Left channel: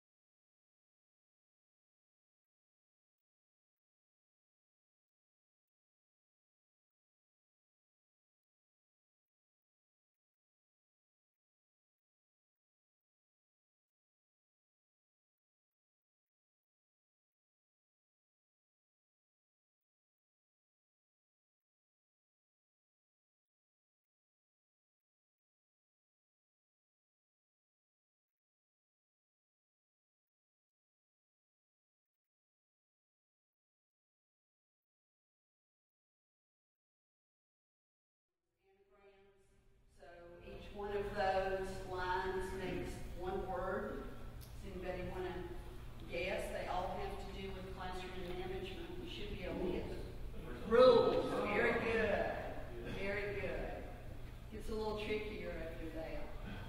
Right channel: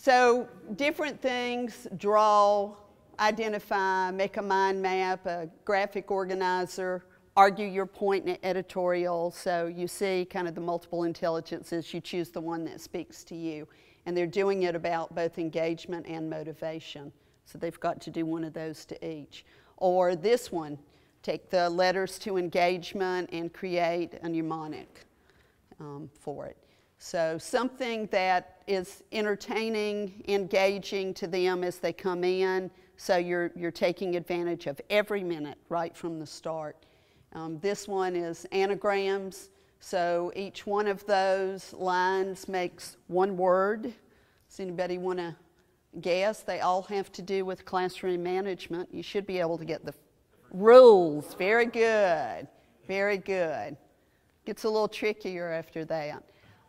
So different things: draw, identify, make a mind map, a graphic organizer, argue your point in an editorial. So you see kind of the multiple intelligences. You choose the one that speaks to you. And they're doing it about both engagement and motivation. So they've got to do one of those to each. Or this one, take the letters to engagement and create a mnemonic for it. So something that is entertaining, engaging to them as they come in. So you're taking advantage of every minute right from the start. This one is anagrams. So each one of those lines makes one word. Does anybody want to guess? They all have to do with classroom management. You should be able to get the rules. Very good. Very good. Gets a little trickier after that.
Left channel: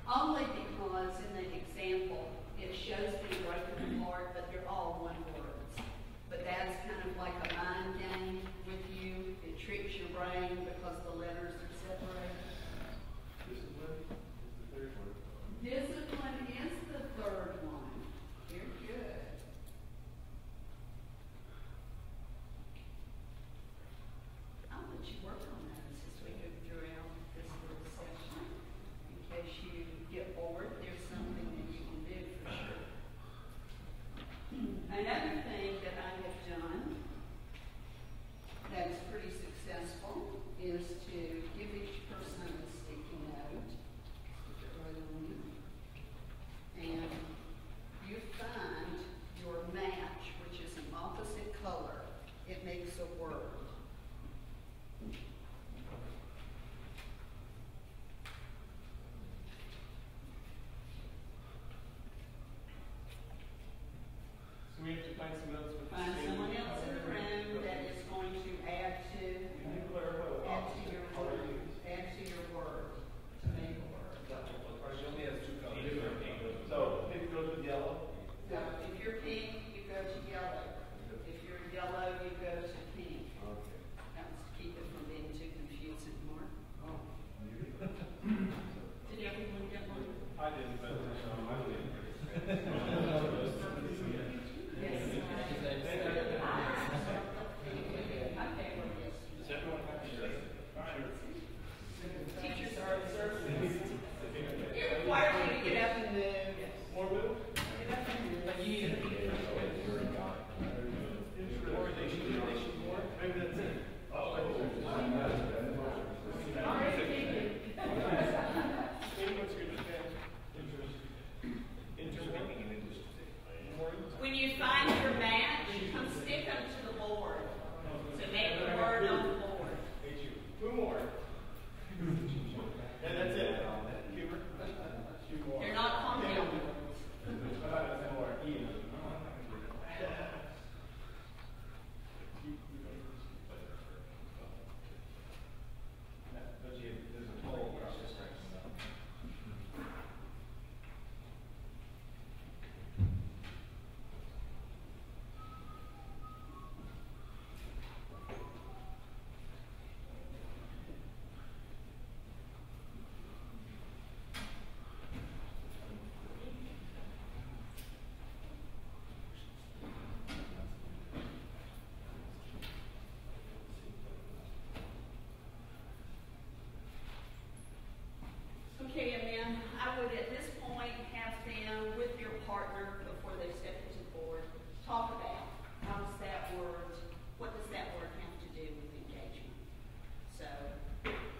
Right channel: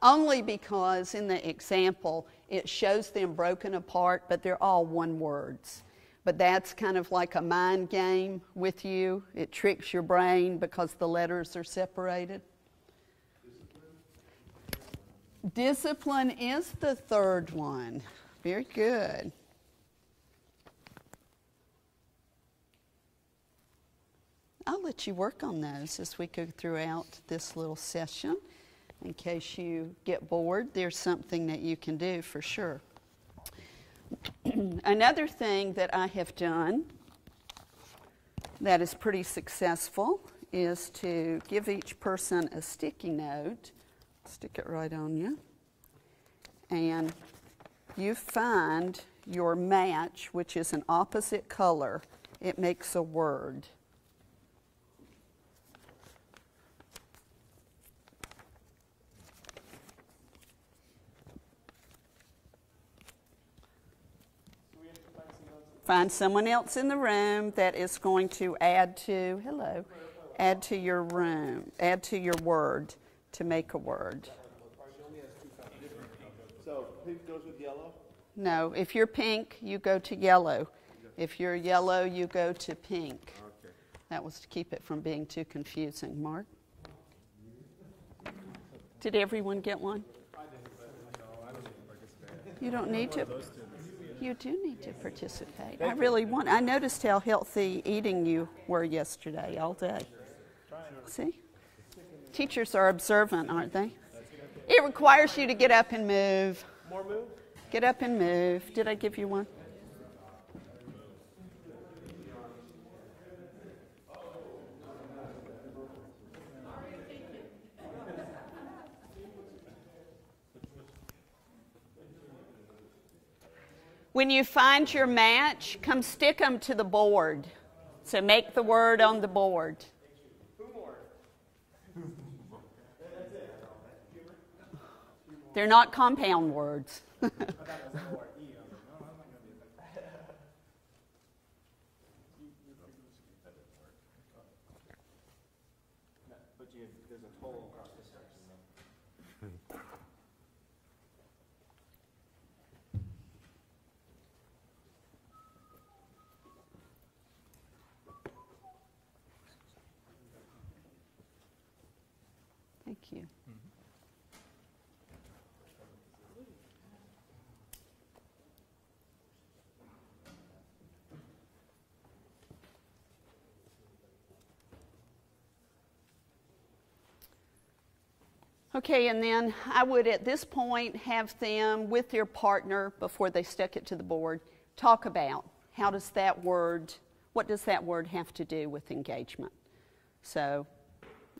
Only because in the example, it shows them broken apart, but they're all one words. But that's kind of like a mind game with you. It tricks your brain because the letters are separated. Discipline is the third one. Very good. I'll let you work on those as we go throughout this little session. In case you get bored, there's something that you can do for sure. Another thing that I have done that is pretty successful is to give each person a sticky note. Stick it right on you. And you find your match, which is an opposite color. It makes a word. Find someone else in the room that is going to add to your room, add to your word to make a word. No, if you're pink, you go to yellow. If you're yellow, you go to pink. That was to keep it from being too confusing. Mark? Did everyone get one? You don't need to. You do need to participate. I noticed how healthy eating you were yesterday all day. See? Teachers are observant, aren't they? It requires you to get up and move. Get up and move. Did I give you one? When you find your match, come stick them to the board. So make the word on the board. They're not compound words. Okay, and then I would at this point have them with their partner before they stuck it to the board talk about what does that word have to do with engagement. So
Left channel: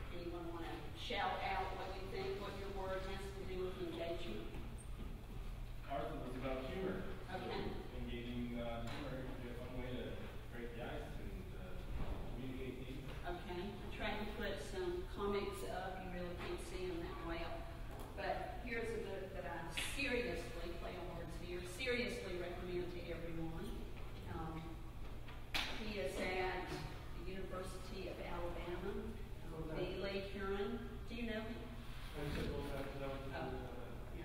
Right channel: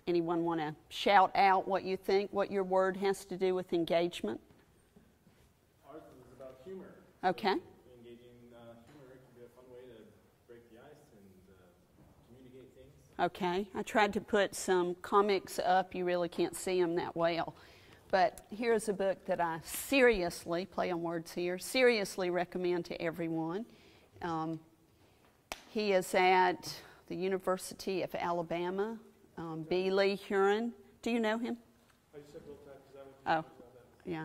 anyone want to shout out what you think, what your word has to do with engagement? Ours was about humor. Okay. Engaging humor is one way to break the ice and communicate things. Okay, I tried to put some comics up. You really can't see them that well. But here's a book that I seriously, play on words here, seriously recommend to everyone. He is at the University of Alabama, B. Lee Huron. Do you know him? Oh, yeah.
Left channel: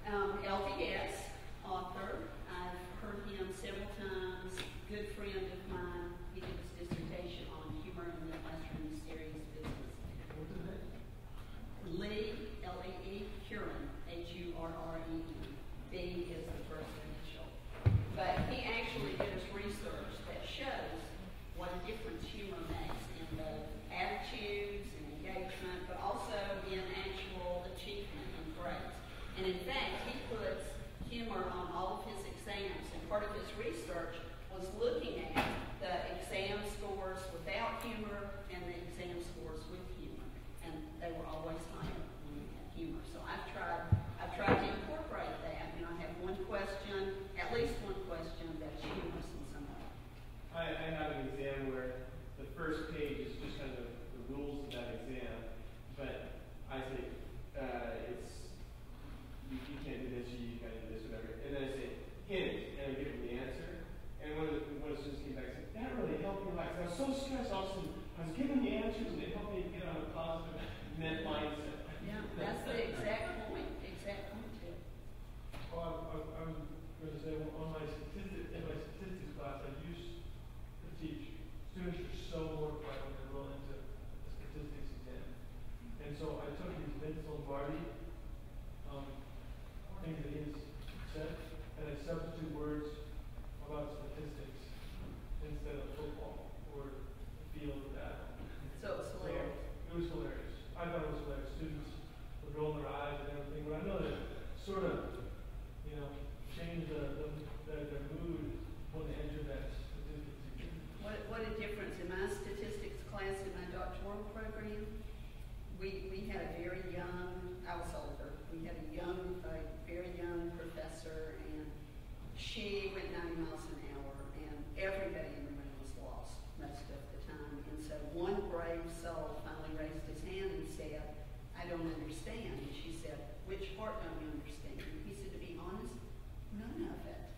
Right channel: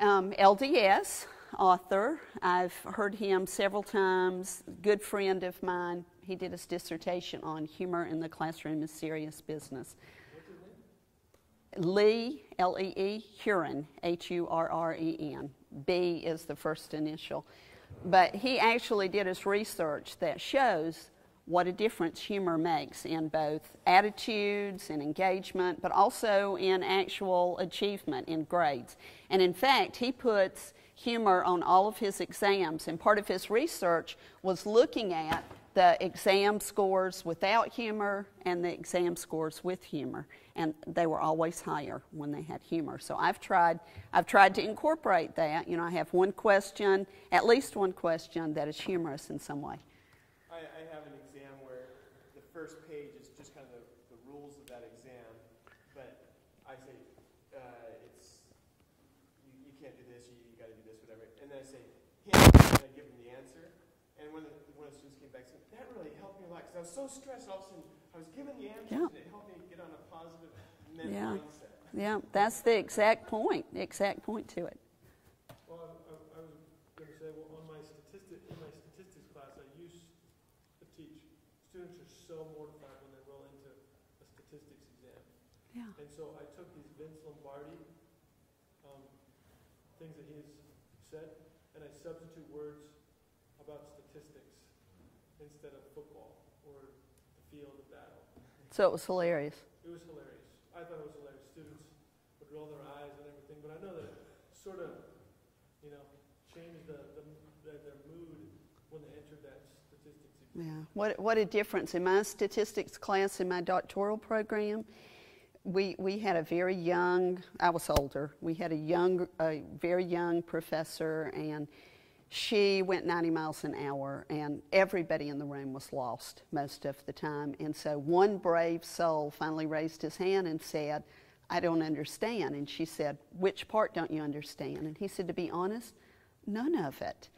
LDS author. I've heard him several times. Good friend of mine. He did his dissertation on humor in the classroom is serious business. Lee, L-E-E, Huron, H-U-R-R-E-N. B is the first initial. But he actually did his research that shows what a difference humor makes in both attitudes and engagement, but also in actual achievement in grades. And in fact, he puts humor on all of his exams, and part of his research was looking at the exam scores without humor and the exam scores with humor, and they were always higher when they had humor. So I've tried to incorporate that. You know, I have one question, at least one question, that is humorous in some way. I have an exam where the first page is just kind of the rules of that exam, but I say you can't do this, or you can't do this, whatever. And then I say, can't, and I give them the answer. And one of the students came back and said, that really helped me a lot. I was so stressed also. I was given the answers, and it helped me get on a positive mindset. Yeah, that's the exact point to it. Well, I was going to say, on my statistics class, I used to teach. Students are so mortified when they're going into a statistics exam. Yeah. And so I took these Vince Lombardi things that he has said, and I substitute words about statistics instead of football or the field of battle. So it was hilarious. It was hilarious. I thought it was hilarious. Students would roll their eyes and everything, but I know that sort of, you know, changed their mood when they entered that statistics. Yeah. What a difference. In my statistics class in my doctoral program, we had a very young, I was older, we had a very young professor, and she went 90 miles an hour, and everybody in the room was lost most of the time. And so one brave soul finally raised his hand and said, I don't understand. And she said, which part don't you understand? And he said, to be honest, none of it.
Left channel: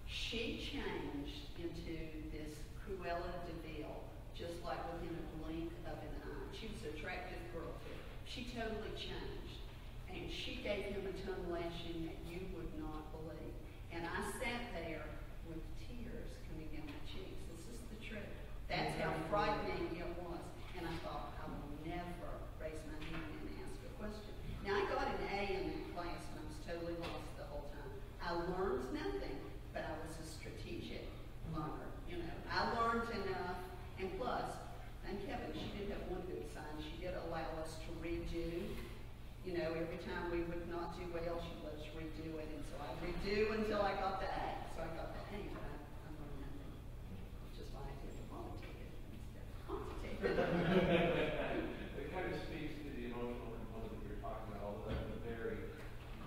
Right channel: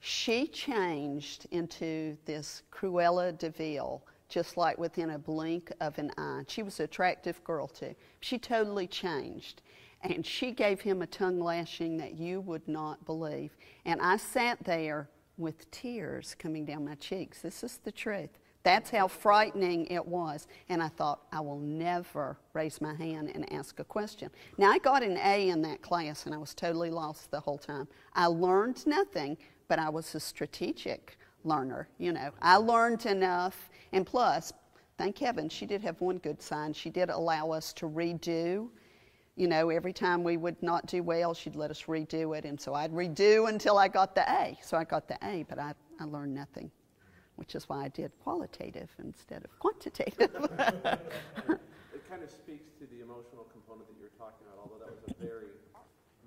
She changed into this Cruella de Vil, just like within a blink of an eye. She was an attractive girl too. She totally changed. And she gave him a tongue lashing that you would not believe. And I sat there with tears coming down my cheeks. This is the truth. That's how frightening it was. And I thought, I will never raise my hand and ask a question. Now, I got an A in that class, and I was totally lost the whole time. I learned nothing, but I was a strategic learner. You know, I learned enough. And plus, thank heaven, she did have one good sign. She did allow us to redo. You know, every time we would not do well, she'd let us redo it. And so I'd redo until I got the A. So I got the A, but I learned nothing, which is why I did qualitative instead of quantitative. It kind of speaks to the emotional component that you're talking about, all the very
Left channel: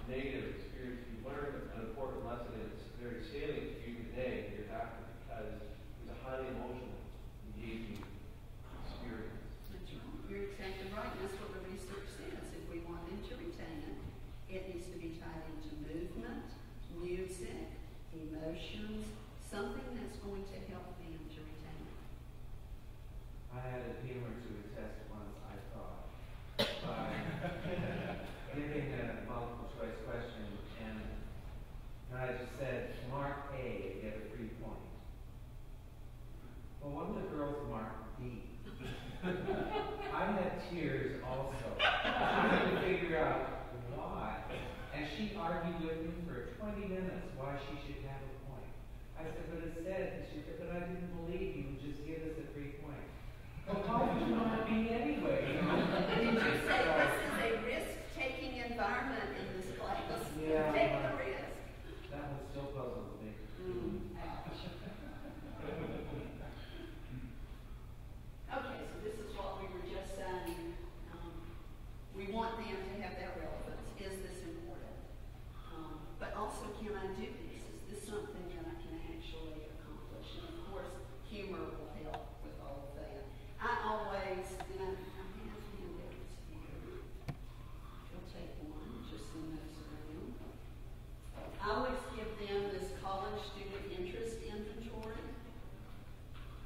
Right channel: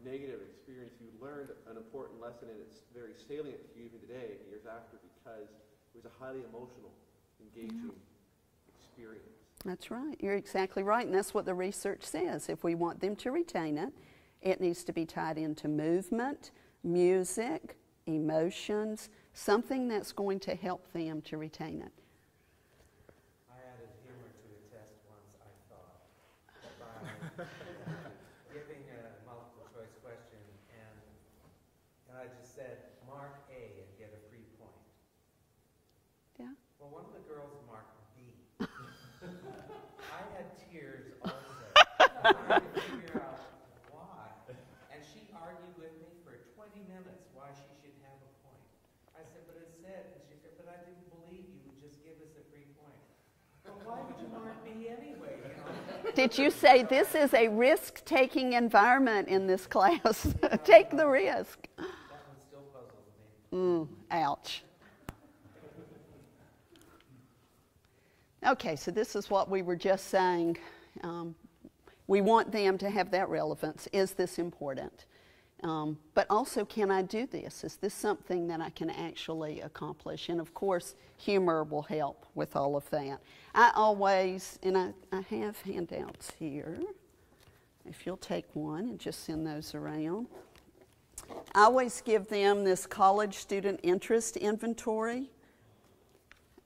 negative experience you learned. An important lesson that's very salient to you today, your doctor, because it's a highly emotional, engaging experience. That's right. You're exactly right. And that's what the research says. If we want them to retain it, it needs to be tied into movement, music, emotions, something that's going to help them to retain it. I added humor to a test once, I thought, giving a multiple choice question, and I just said, mark A, you get a 3 point. Yeah. Well, one of the girls marked D. I had tears also, trying to figure out why. And she argued with me for 20 minutes why she should have a point. I said, but it said, and she said, but I didn't believe you would just give us a 3 point. Well, why would you want me anyway? Did you say this is a risk-taking environment in this class? Yeah. Take the risk. That one still puzzles me. Ouch. Okay, so this is what we were just saying. We want them to have that relevance. Is this important? But also, can I do this? Is this something that I can actually accomplish? And of course, humor will help with all of that. I always, and I have handouts here. If you'll take one and just send those around. I always give them this college student interest inventory.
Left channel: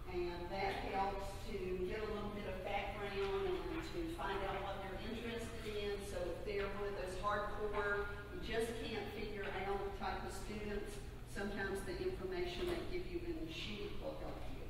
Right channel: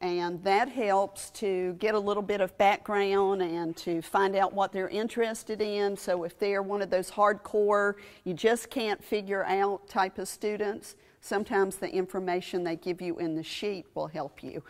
And that helps to get a little bit of background and to find out what they're interested in. So if they're one of those hardcore, you just can't figure out type of students, sometimes the information they give you in the sheet will help you.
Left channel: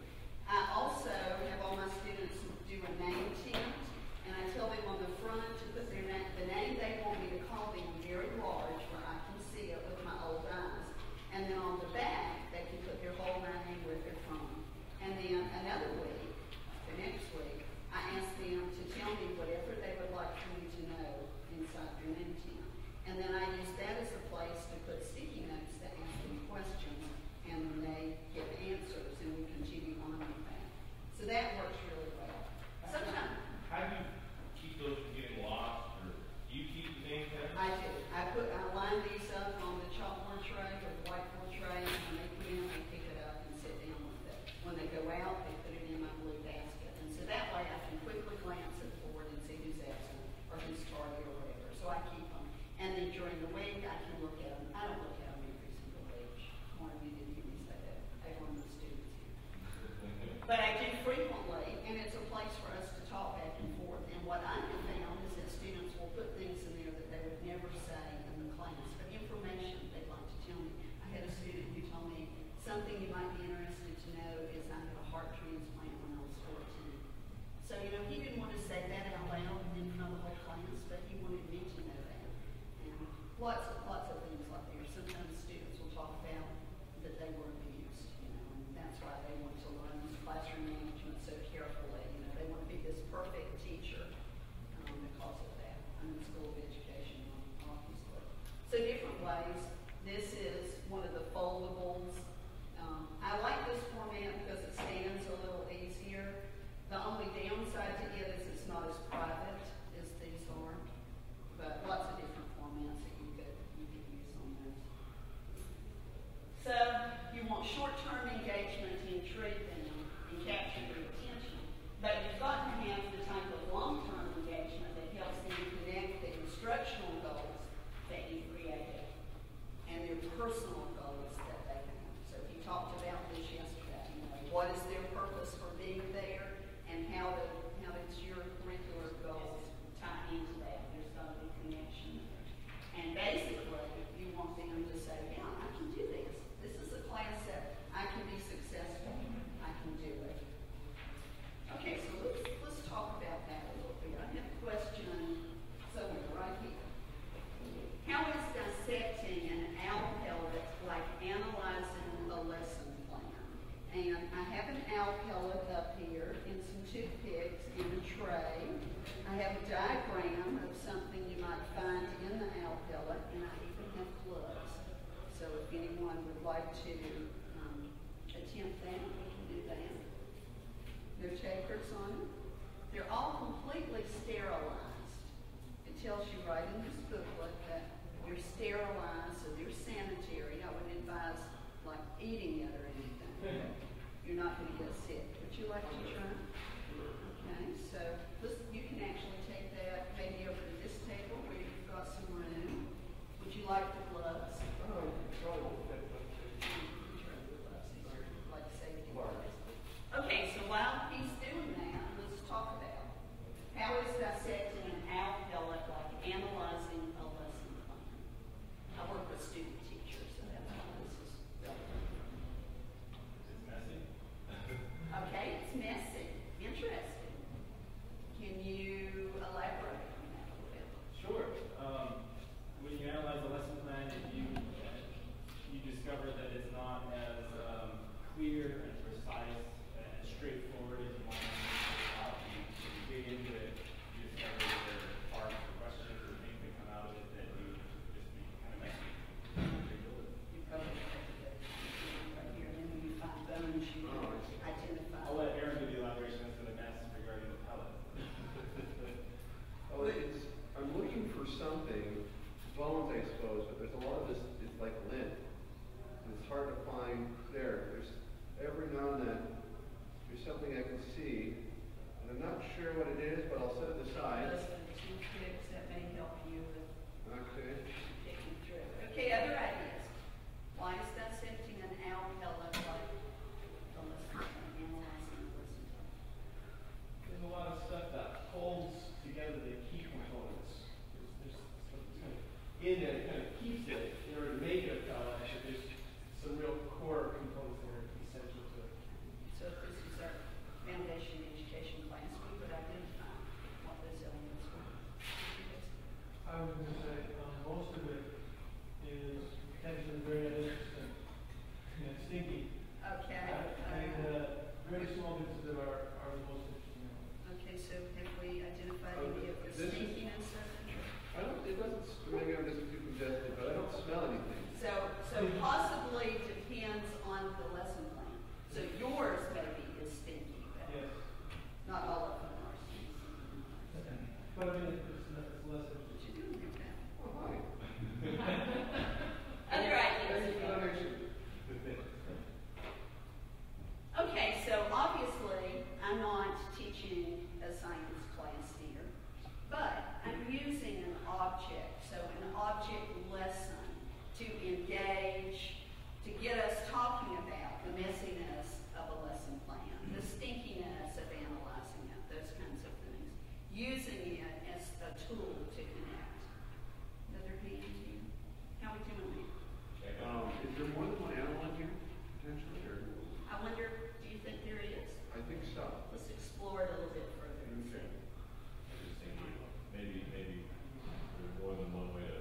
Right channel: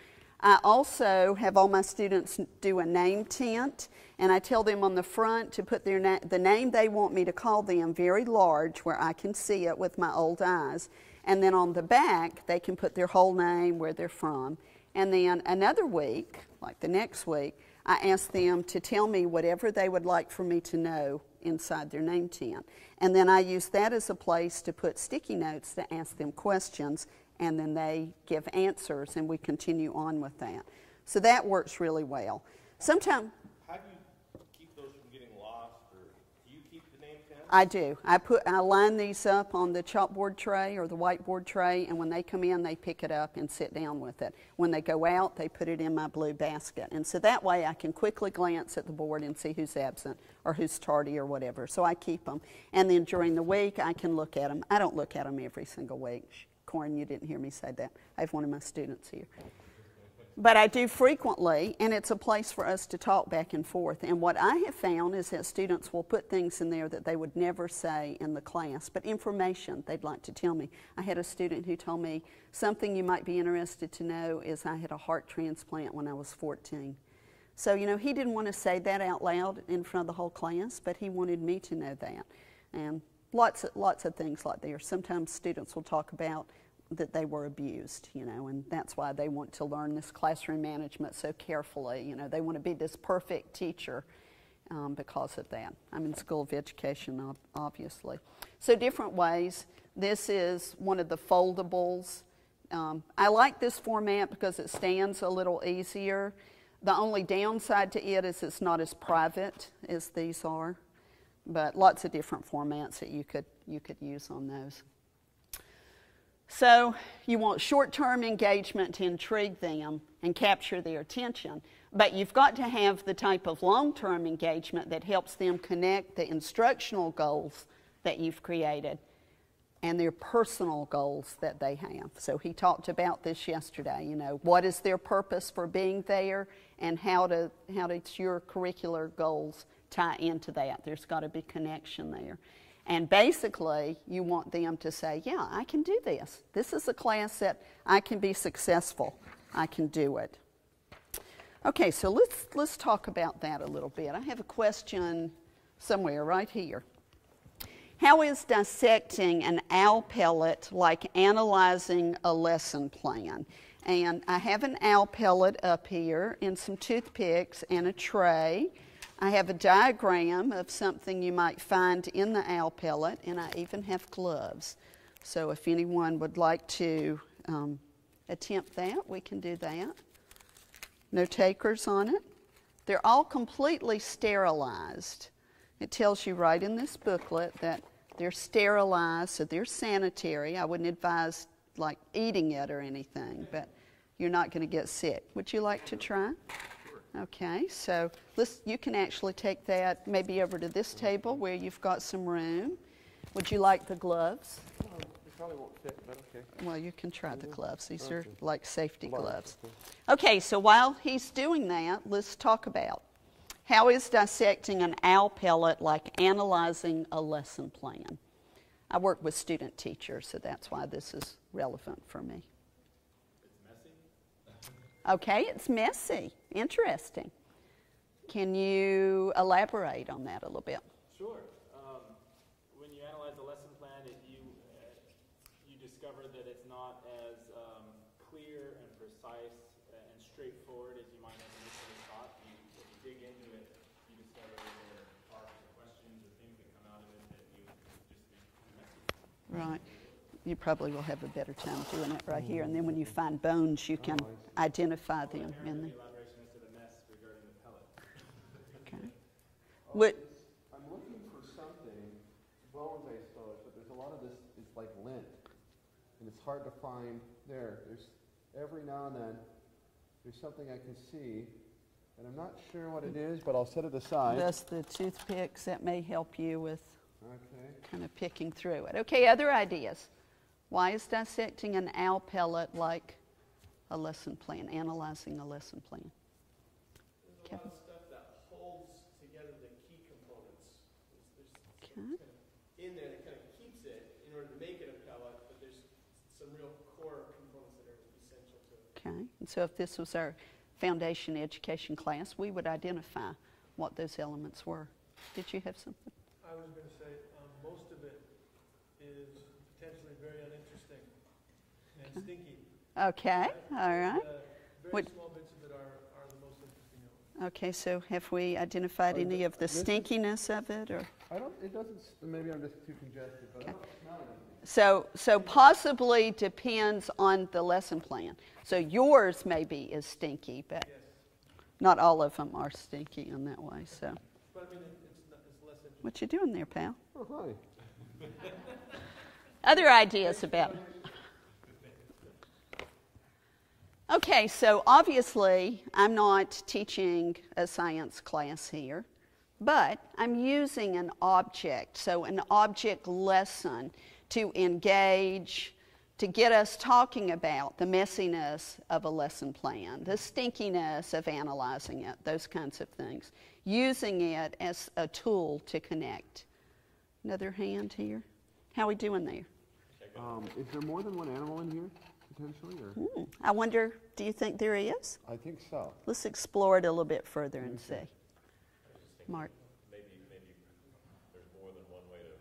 I also have all my students do a name tent, And I tell them on the front to put the name they want me to call them very large where I can see it with my old eyes. And then on the back, they can put their whole name, where they're from. And then another week, like the next week, I ask them to tell me whatever they would like for me to know inside their name tent. And then I use that as a place to put sticky notes to ask them questions, and then they give answers, and we continue on with that. So that works really well. Sometimes How do you keep those from getting lost, or do you keep the name tags? I do. I line these up on the chalkboard tray or the whiteboard tray, and when they come in, they pick it up and sit down with it. When they go out, they put it in my blue basket. And so that way I can quickly glance at the board and see who's absent or who's tardy or whatever. So I keep them. And then during the week, I can look at them. I don't look at them every single week. Corin, you didn't hear me say that. I have one of my students here. But I do frequently, and it's a place for us to talk back and forth. And what I have found is that students will put things in there that they would never say in the class, but information they'd like to tell me. I had a student who told me, something you might be interested to know is I had a heart transplant when I was 14. So, you know, he didn't want to say that out loud in front of the whole class, but he wanted me to know that. And lots of things like there. Sometimes students will talk about that they were abused, you know, and that's why they want to learn this classroom management so carefully. You know, they want to be this perfect teacher because of that. I'm in School of Education, obviously. So different ways. This is one of the foldables. I like this format because it stands a little easier. The only downside to it is it's not as private as these are, but lots of different formats that you could use on those. So you want short-term engagement to intrigue them and capture their attention, but you've got to have the type of long-term engagement that helps them connect the instructional goals that you've created and their personal goals that they have. So he talked about this yesterday, you know, what is their purpose for being there and how does your curricular goals tie into that. There's got to be connection there. And basically, you want them to say, yeah, I can do this. This is a class that I can be successful. I can do it. Okay, so let's talk about that a little bit. I have a question somewhere right here. How is dissecting an owl pellet like analyzing a lesson plan? And I have an owl pellet up here and some toothpicks and a tray. I have a diagram of something you might find in the owl pellet, and I even have gloves. So if anyone would like to attempt that, we can do that. No takers on it. They're all completely sterilized. It tells you right in this booklet that they're sterilized, so they're sanitary. I wouldn't advise like eating it or anything, but you're not going to get sick. Would you like to try? Okay, so you can actually take that maybe over to this table where you've got some room. Would you like the gloves? Well, you can try the gloves. These are like safety gloves. Okay, so while he's doing that, let's talk about how is dissecting an owl pellet like analyzing a lesson plan. I work with student teachers, so that's why this is relevant for me. Okay, it's messy. Interesting. Can you elaborate on that a little bit? Sure. When you analyze a lesson plan, you discover that it's not as clear and precise and straightforward as you might want to dig into it. You discover that there are parts or questions or things that come out of it that you just kind of messy. Right. You probably will have a better time doing it right here. And then when you find bones, you can identify the. I'm looking for something, bones I suppose, but there's a lot of this is like lint. And it's hard to find there. There's every now and then there's something I can see. And I'm not sure what it is, but I'll set it aside. Just the toothpicks that may help you with kind of picking through it. Okay, other ideas. Why is dissecting an owl pellet like a lesson plan, analyzing a lesson plan? There's a lot of stuff that holds together the key components. There's in there that kind of keeps it in order to make it a pellet. There's some real core components that are essential to it. Okay, and so if this was our foundation education class, we would identify what those elements were. Did you have something? I was going to say most of it is potentially very interesting and stinky. Okay, all right. Very small bits of it are the most interesting. Okay, so have we identified any of the stinkiness of it? Or? I don't, it doesn't, maybe I'm just too congested, but I don't smell anything. So possibly depends on the lesson plan. So yours maybe is stinky, but Yes. not all of them are stinky in that way. So, But I mean, it's less. what you doing there, pal? Oh, hi. Other ideas about? Okay, so obviously I'm not teaching a science class here, but I'm using an object, so an object lesson to engage, to get us talking about the messiness of a lesson plan, the stinkiness of analyzing it, those kinds of things, using it as a tool to connect. Another hand here. How are we doing there? Is there more than one animal in here, potentially? Or? I wonder, do you think there is? I think so. Let's explore it a little bit further and see. Mark. Maybe there's more than one way to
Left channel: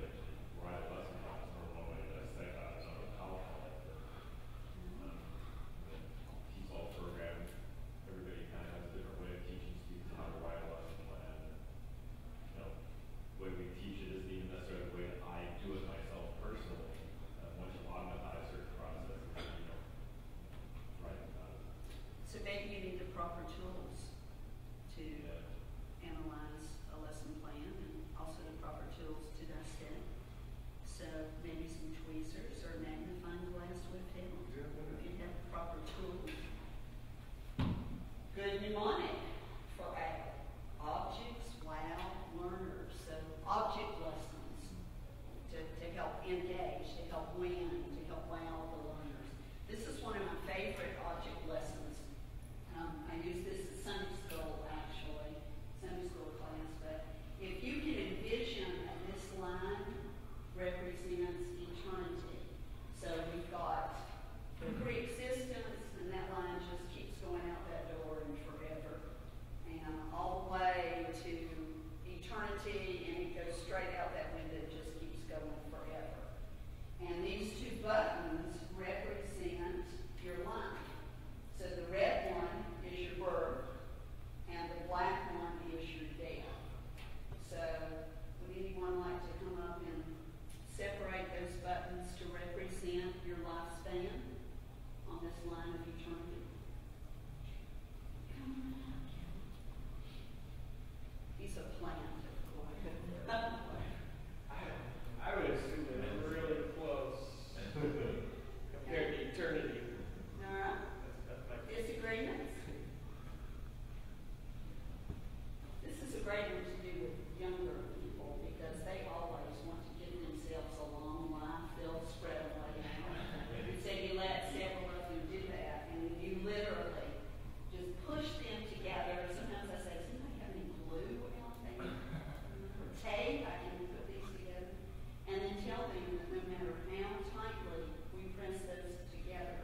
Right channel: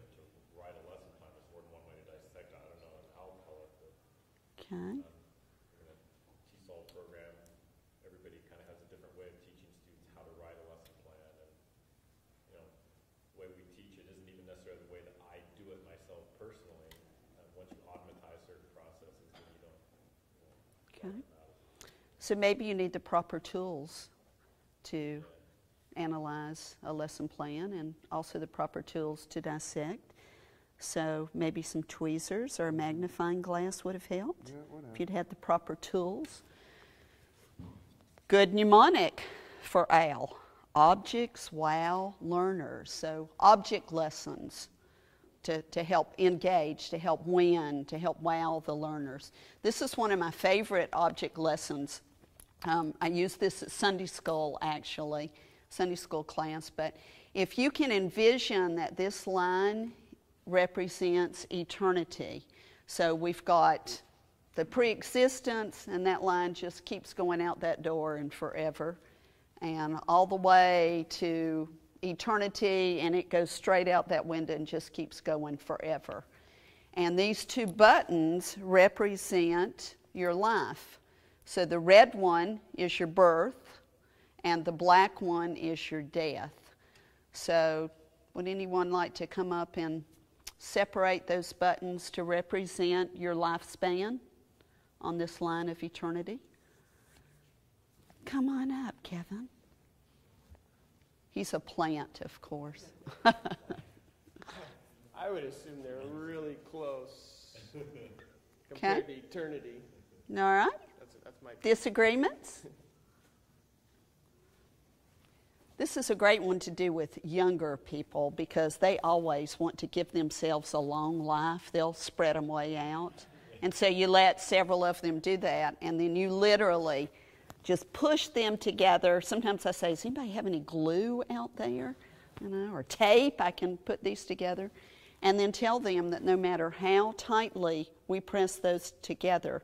write a lesson plan, or one way to dissect that, it's not a powerful. Okay. TESOL program, everybody kind of has a different way of teaching students how to write a lesson plan. And, you know, the way we teach it isn't even necessarily the way that I do it myself personally. Once you automatize certain processes, Okay. So maybe you need the proper tools to analyze a lesson plan and also the proper tools to dissect. So maybe some tweezers or a magnifying glass would have helped if you'd had the proper tools. Good mnemonic for OWL. Objects wow learners. So object lessons to help engage, to help win, to help wow the learners. This is one of my favorite object lessons. I use this at Sunday school, actually, Sunday school class. But if you can envision that this line represents eternity. So we've got the pre-existence, and that line just keeps going out that door and forever. And all the way to eternity, and it goes straight out that window and just keeps going forever. And these two buttons represent your life. So the red one is your birth, and the black one is your death. So would anyone like to come up and separate those buttons to represent your lifespan on this line of eternity? Come on up, Kevin. He's a plant, of course. I would assume they're really close compared to eternity. All right. That's my Disagreements? This is a great one to do with younger people because they always want to give themselves a long life. They'll spread them way out. And so you let several of them do that, and then you literally just push them together. Sometimes I say, does anybody have any glue out there? You know, or tape, I can put these together. And then tell them that no matter how tightly we press those together,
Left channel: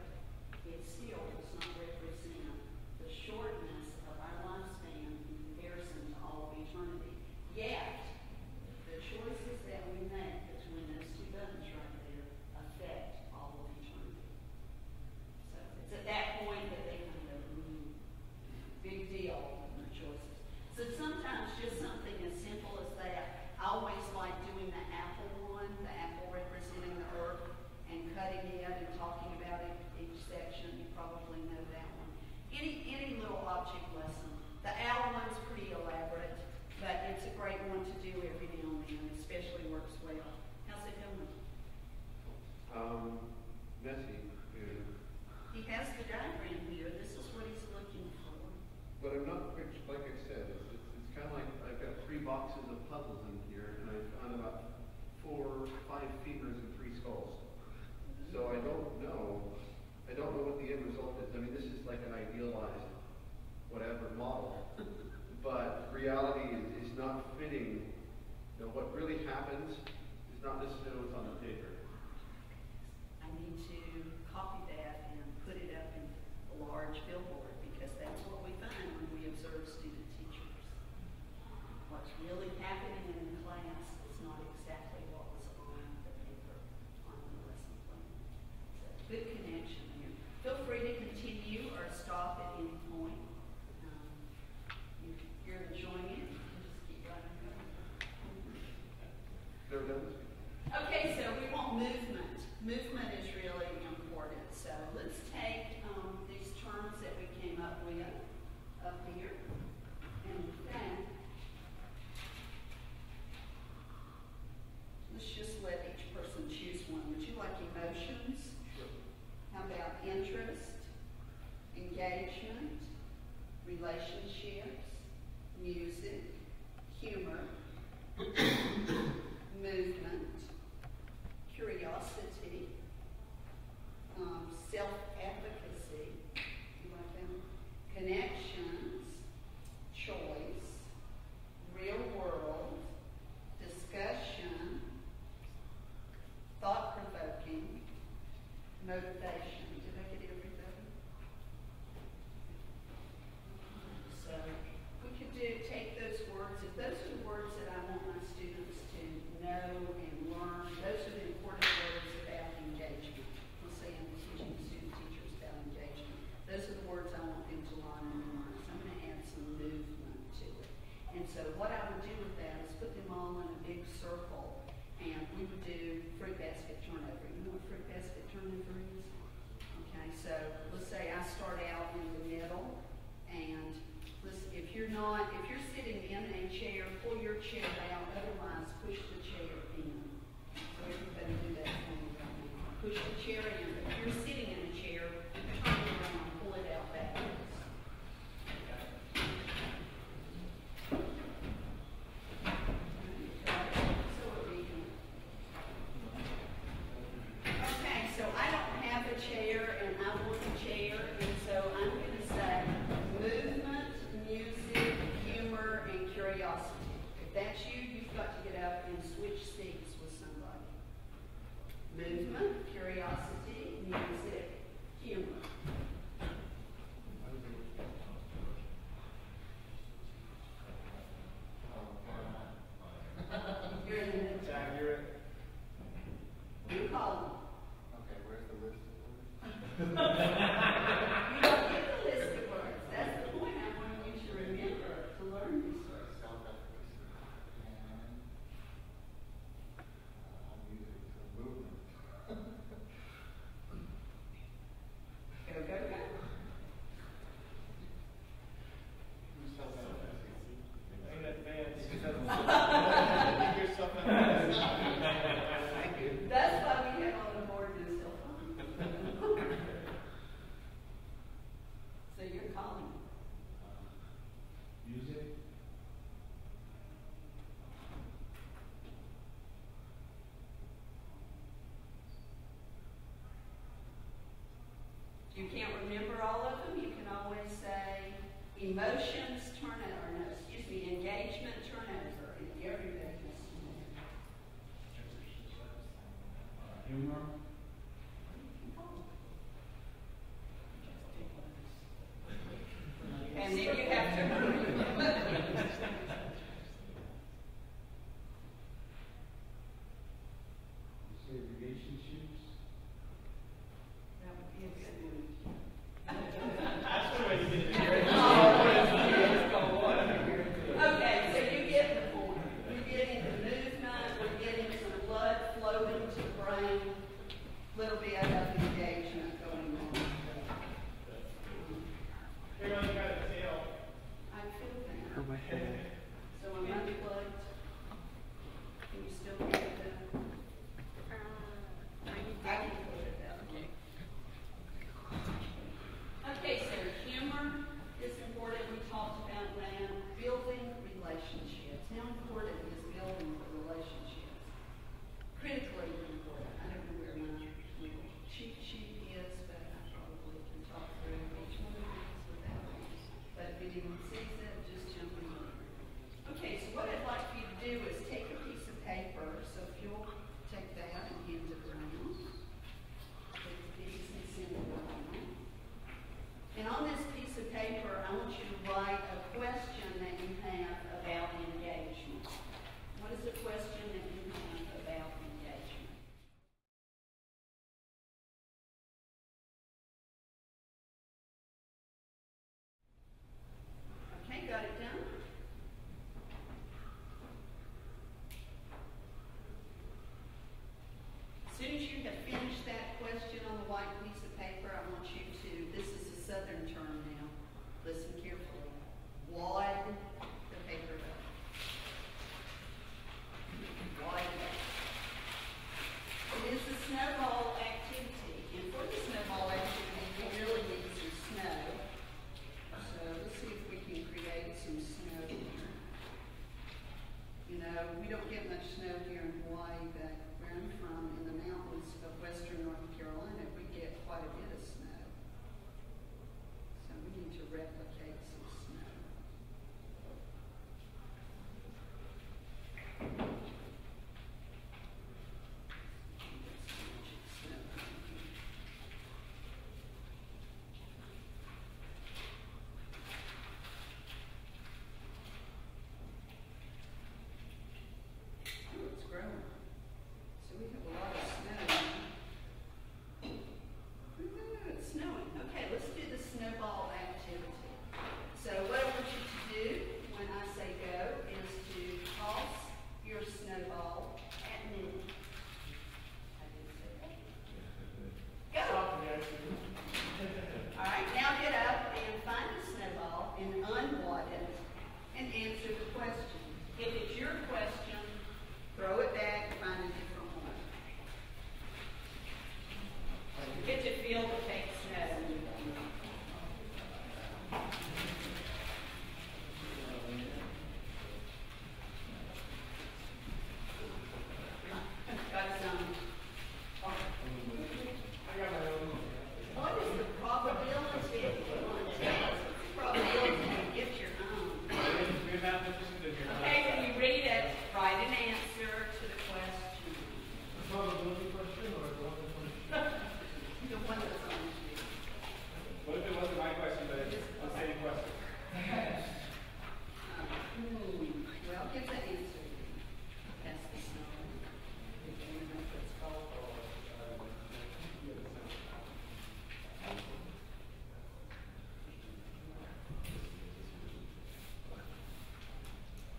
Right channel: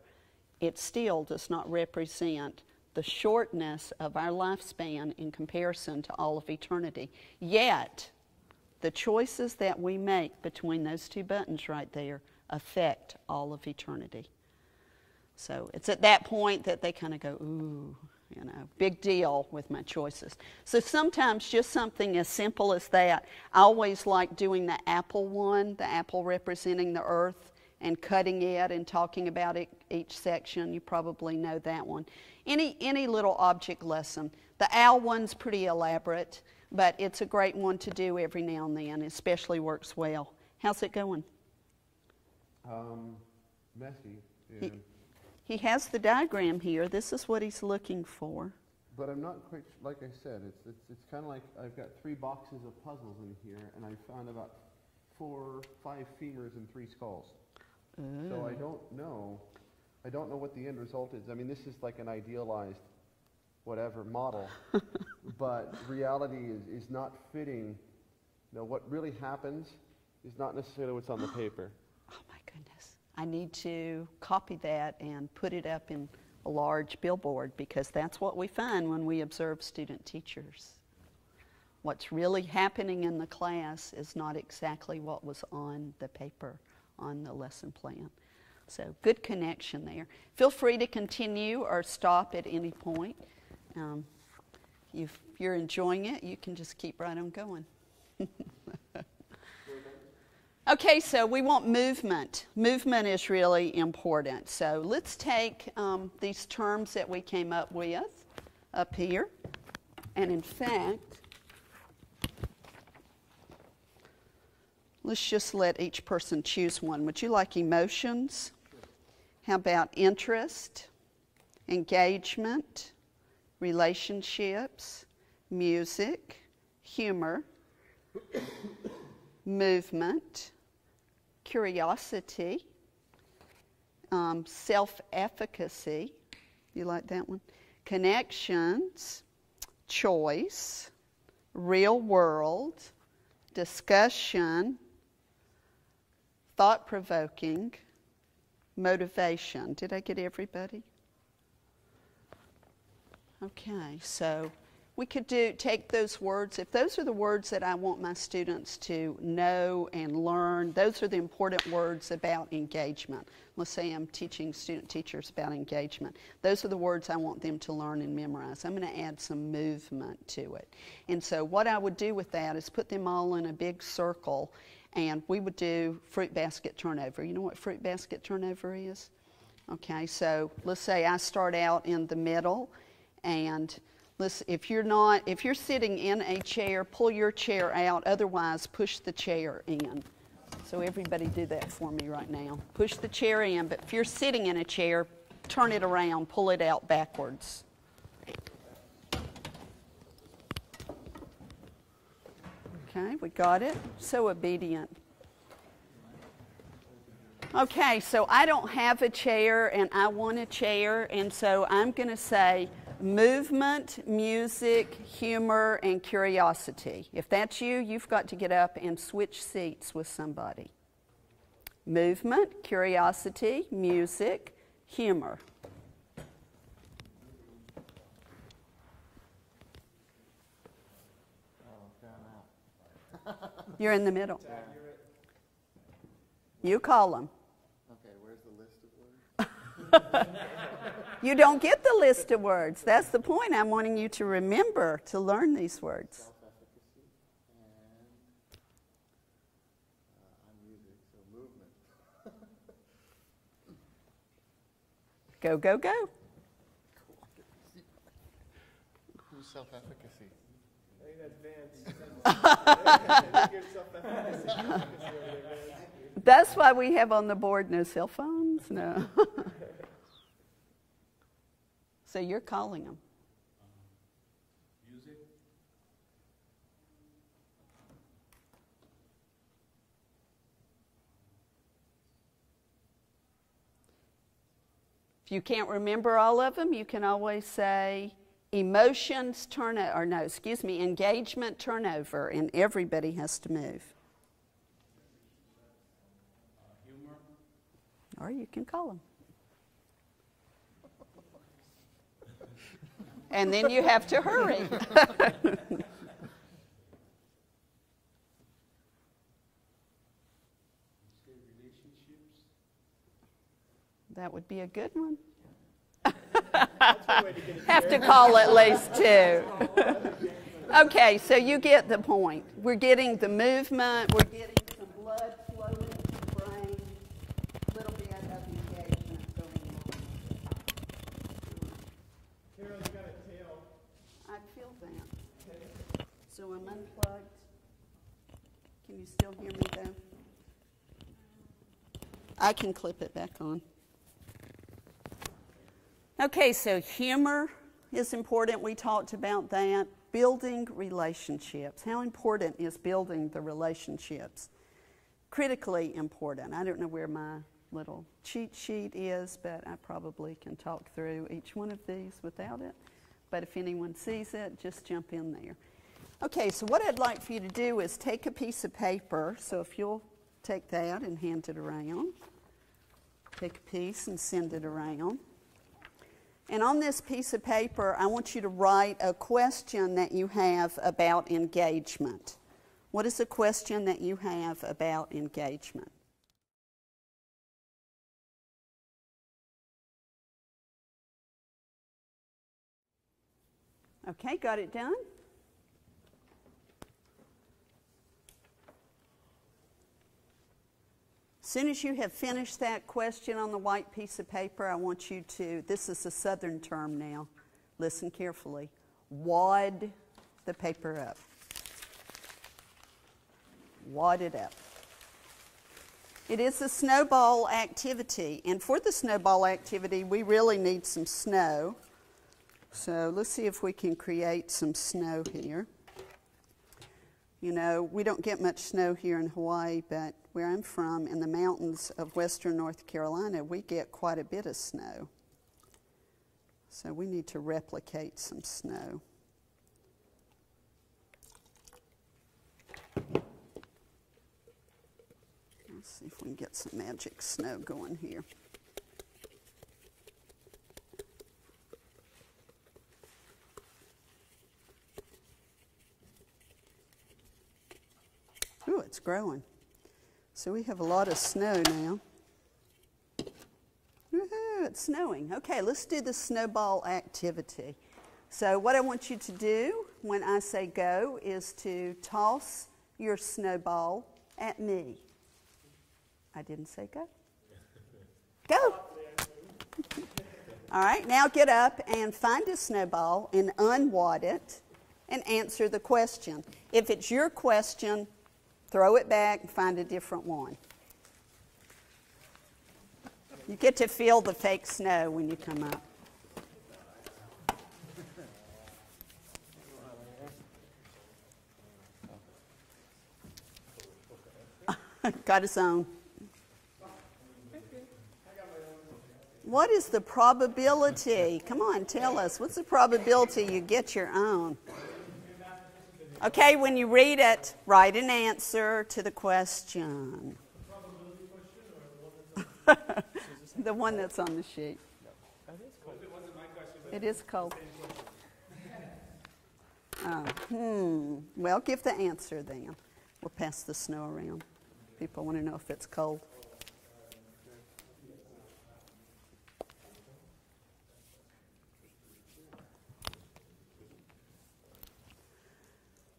it still does not represent the shortness of our lifespan in comparison to all of eternity. Yet, the choices that we make between those two buttons right there affect all of eternity. So it's at that point that they kind of go, ooh, you know, big deal with my choices. So sometimes just something as simple as that. I always like doing the apple one, the apple representing the earth, and cutting it and talking about it, each section. You probably know that one. Any little object lesson. The owl one's pretty elaborate, but it's a great one to do every now and then. It especially works well. How's it going? Messy. He has the diagram here. This is what he's looking for. But I'm not quite, like I said, it's kind of like I've got 3 boxes of puzzles in here, and I found about 4 or 5 femurs and 3 skulls. So I don't know what the end result is. I mean, this is like an idealized whatever model, but reality is not fitting. You know, what really happens is not necessarily what's on the paper. Oh my goodness. I need to copy that and put it up in a large billboard because that's what we find when we observe student teachers. What's really happening in the class is not exactly what was on the paper, on the lesson plan. So good connection there. Feel free to continue or stop at any point. If you're enjoying it, you can just keep right on going. Okay, so we want movement. Movement is really important. So let's take these terms that we came up with up here. And in fact, let's just let each person choose one. Would you like emotions? How about interest, engagement, relationships, music, humor, movement, curiosity, self-efficacy, you like that one? Connections, choice, real world, discussion, thought-provoking, motivation. Did I get everybody? Okay, so we could take those words. If those are the words that I want my students to know and learn, those are the important words about engagement. Let's say I'm teaching student teachers about engagement. Those are the words I want them to learn and memorize. I'm going to add some movement to it. And so what I would do with that is put them all in a big circle, and we would do fruit basket turnover. You know what fruit basket turnover is? Okay, so let's say I start out in the middle, and listen, if you're sitting in a chair, pull your chair out, otherwise push the chair in. So everybody do that for me right now. Push the chair in, but if you're sitting in a chair, turn it around, pull it out backwards. Okay, we got it. So obedient. Okay, so I don't have a chair and I want a chair, and so I'm going to say movement, music, humor, and curiosity. If that's you, you've got to get up and switch seats with somebody. Movement, curiosity, music, humor. You're in the middle. You call them. You don't get the list of words. That's the point. I'm wanting you to remember to learn these words. Go, go, go. That's why we have on the board no cell phones. No. So you're calling them. Music. If you can't remember all of them, you can always say emotions turnover, or no, excuse me, engagement turnover, and everybody has to move. Humor. Or you can call them. And then you have to hurry. That would be a good one. Have to call at least two. Okay, so you get the point. We're getting the movement, we're getting the blood flowing to the brain, a little bit of engagement going on. I feel that. So I'm unplugged. Can you still hear that? I can clip it back on. Okay, so humor is important. We talked about that. Building relationships. How important is building the relationships? Critically important. I don't know where my little cheat sheet is, but I probably can talk through each one of these without it. But if anyone sees it, just jump in there. Okay, so what I'd like for you to do is take a piece of paper. So if you'll take that and hand it around. Take a piece and send it around. And on this piece of paper, I want you to write a question that you have about engagement. What is the question that you have about engagement? Okay, got it done? As soon as you have finished that question on the white piece of paper, I want you to, this is a Southern term now, listen carefully, wad the paper up. Wad it up. It is a snowball activity, and for the snowball activity, we really need some snow. So let's see if we can create some snow here. You know, we don't get much snow here in Hawaii, but where I'm from, in the mountains of western North Carolina, we get quite a bit of snow. So we need to replicate some snow. Let's see if we can get some magic snow going here. Ooh, it's growing. So we have a lot of snow now. Woohoo, it's snowing. Okay, let's do the snowball activity. So what I want you to do when I say go is to toss your snowball at me. I didn't say go. Go! All right, now get up and find a snowball and unwad it and answer the question. If it's your question, throw it back and find a different one. You get to feel the fake snow when you come up. Got his own. What is the probability? Come on, tell us. What's the probability you get your own? Okay, when you read it, write an answer to the question. The one that's on the sheet. What if it wasn't my question? It is cold. Well, give the answer then. We'll pass the snow around. People want to know if it's cold.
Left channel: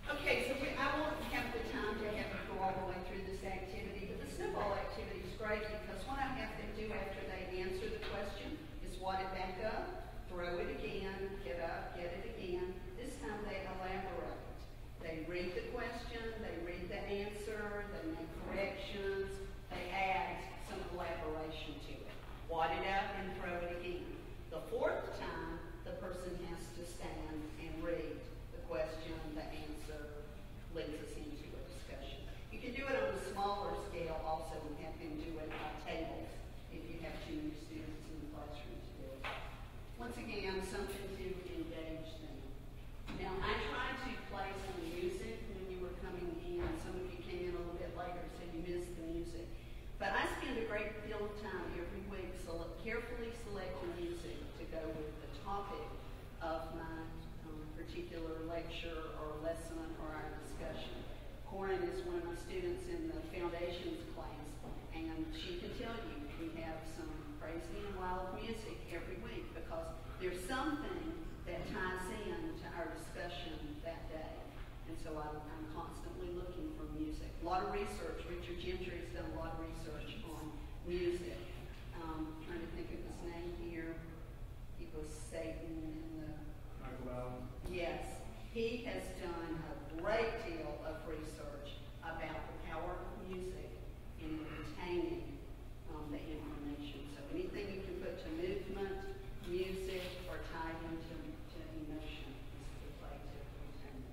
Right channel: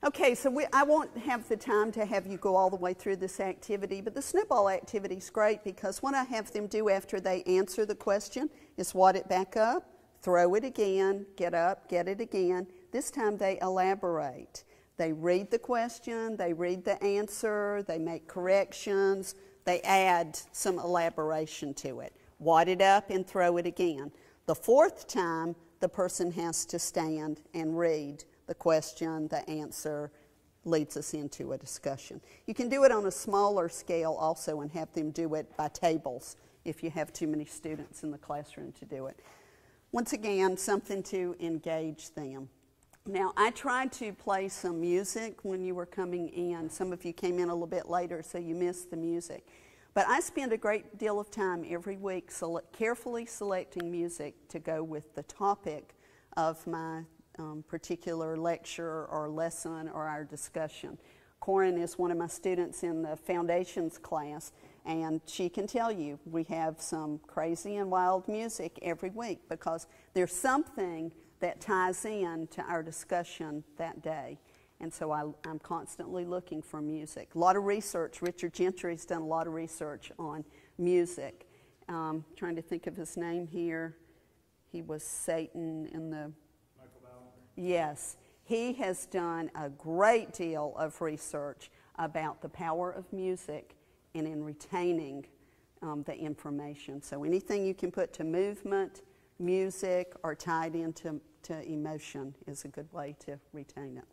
Okay, so I won't have the time to have you go all the way through this activity, but the snowball activity is great because what I have them do after they answer the question is wad it back up, throw it again, get up, get it again. This time they elaborate. They read the question, they read the answer, they make corrections, they add some elaboration to it. Wad it up and throw it again. The fourth time, the person has to stand and read the question, the answer, leads us into a discussion. You can do it on a smaller scale also and have them do it by tables if you have too many students in the classroom to do it. Once again, something to engage them. Now, I tried to play some music when you were coming in. Some of you came in a little bit later, so you missed the music. But I spend a great deal of time every week carefully selecting music to go with the topic of my particular lecture or lesson or our discussion. Corin is one of my students in the foundations class, and she can tell you we have some crazy and wild music every week because there's something that ties in to our discussion that day. And so I'm constantly looking for music. A lot of research. Richard Gentry's done a lot of research on music. Trying to think of his name here. He was Satan in the... Yes. He has done a great deal of research about the power of music and in retaining the information. So anything you can put to movement, music, or tied into emotion is a good way to retain it.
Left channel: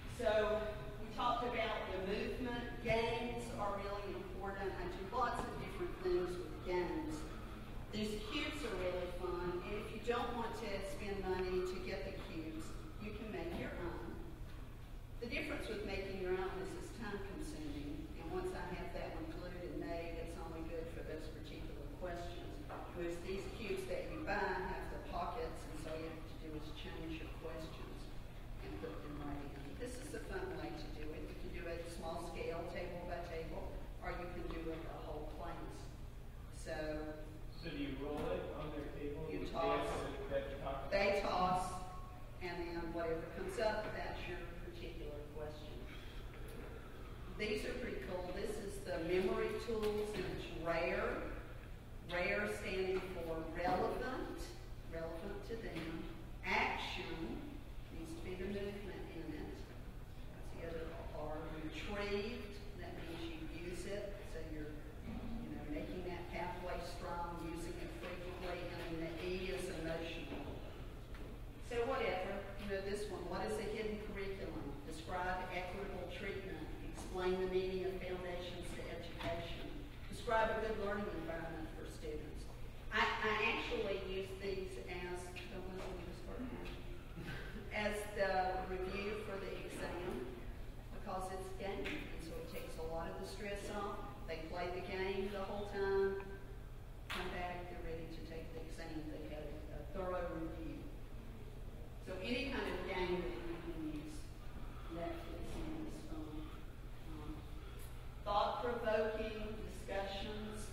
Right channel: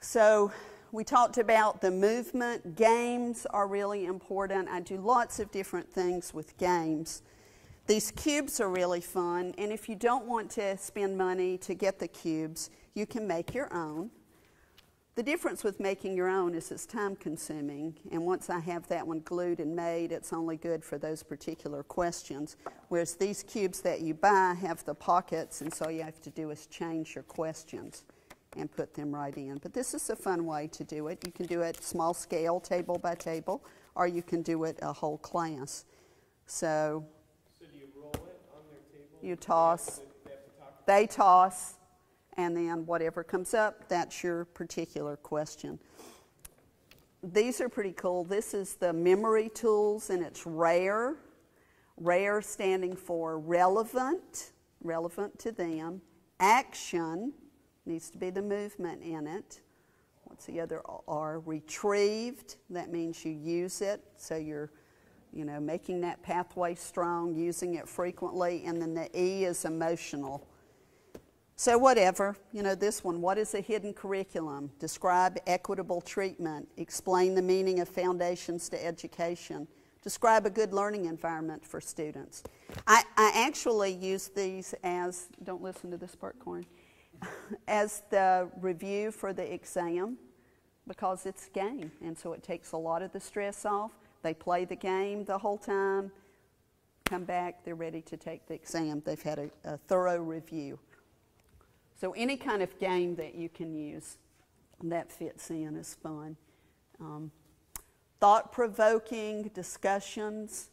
So we talked about the movement. Games are really important. I do lots of different things with games. These cubes are really fun, and if you don't want to spend money to get the cubes, you can make your own. The difference with making your own is it's time consuming, and once I have that one glued and made, it's only good for those particular questions. Whereas these cubes that you buy have the pockets, and so all you have to do is change your questions and put them right in. But this is a fun way to do it. You can do it small scale, table by table, or you can do it a whole class. So do you roll it on their table? you toss, they toss, and then whatever comes up, that's your particular question. These are pretty cool. This is the memory tools, and it's RARE. RARE standing for relevant, relevant to them. Action, needs to be the movement in it. What's the other R? Retrieved, that means you use it, so you're making that pathway strong, using it frequently. And then the E is emotional. So whatever, this one, what is a hidden curriculum? Describe equitable treatment. Explain the meaning of foundations to education. Describe a good learning environment for students. I actually use these as, don't listen to this part, Corey, as the review for the exam, because it's a game, and so it takes a lot of the stress off. They play the game the whole time, come back, they're ready to take the exam. They've had a thorough review. So any kind of game that you can use that fits in is fun. Thought-provoking discussions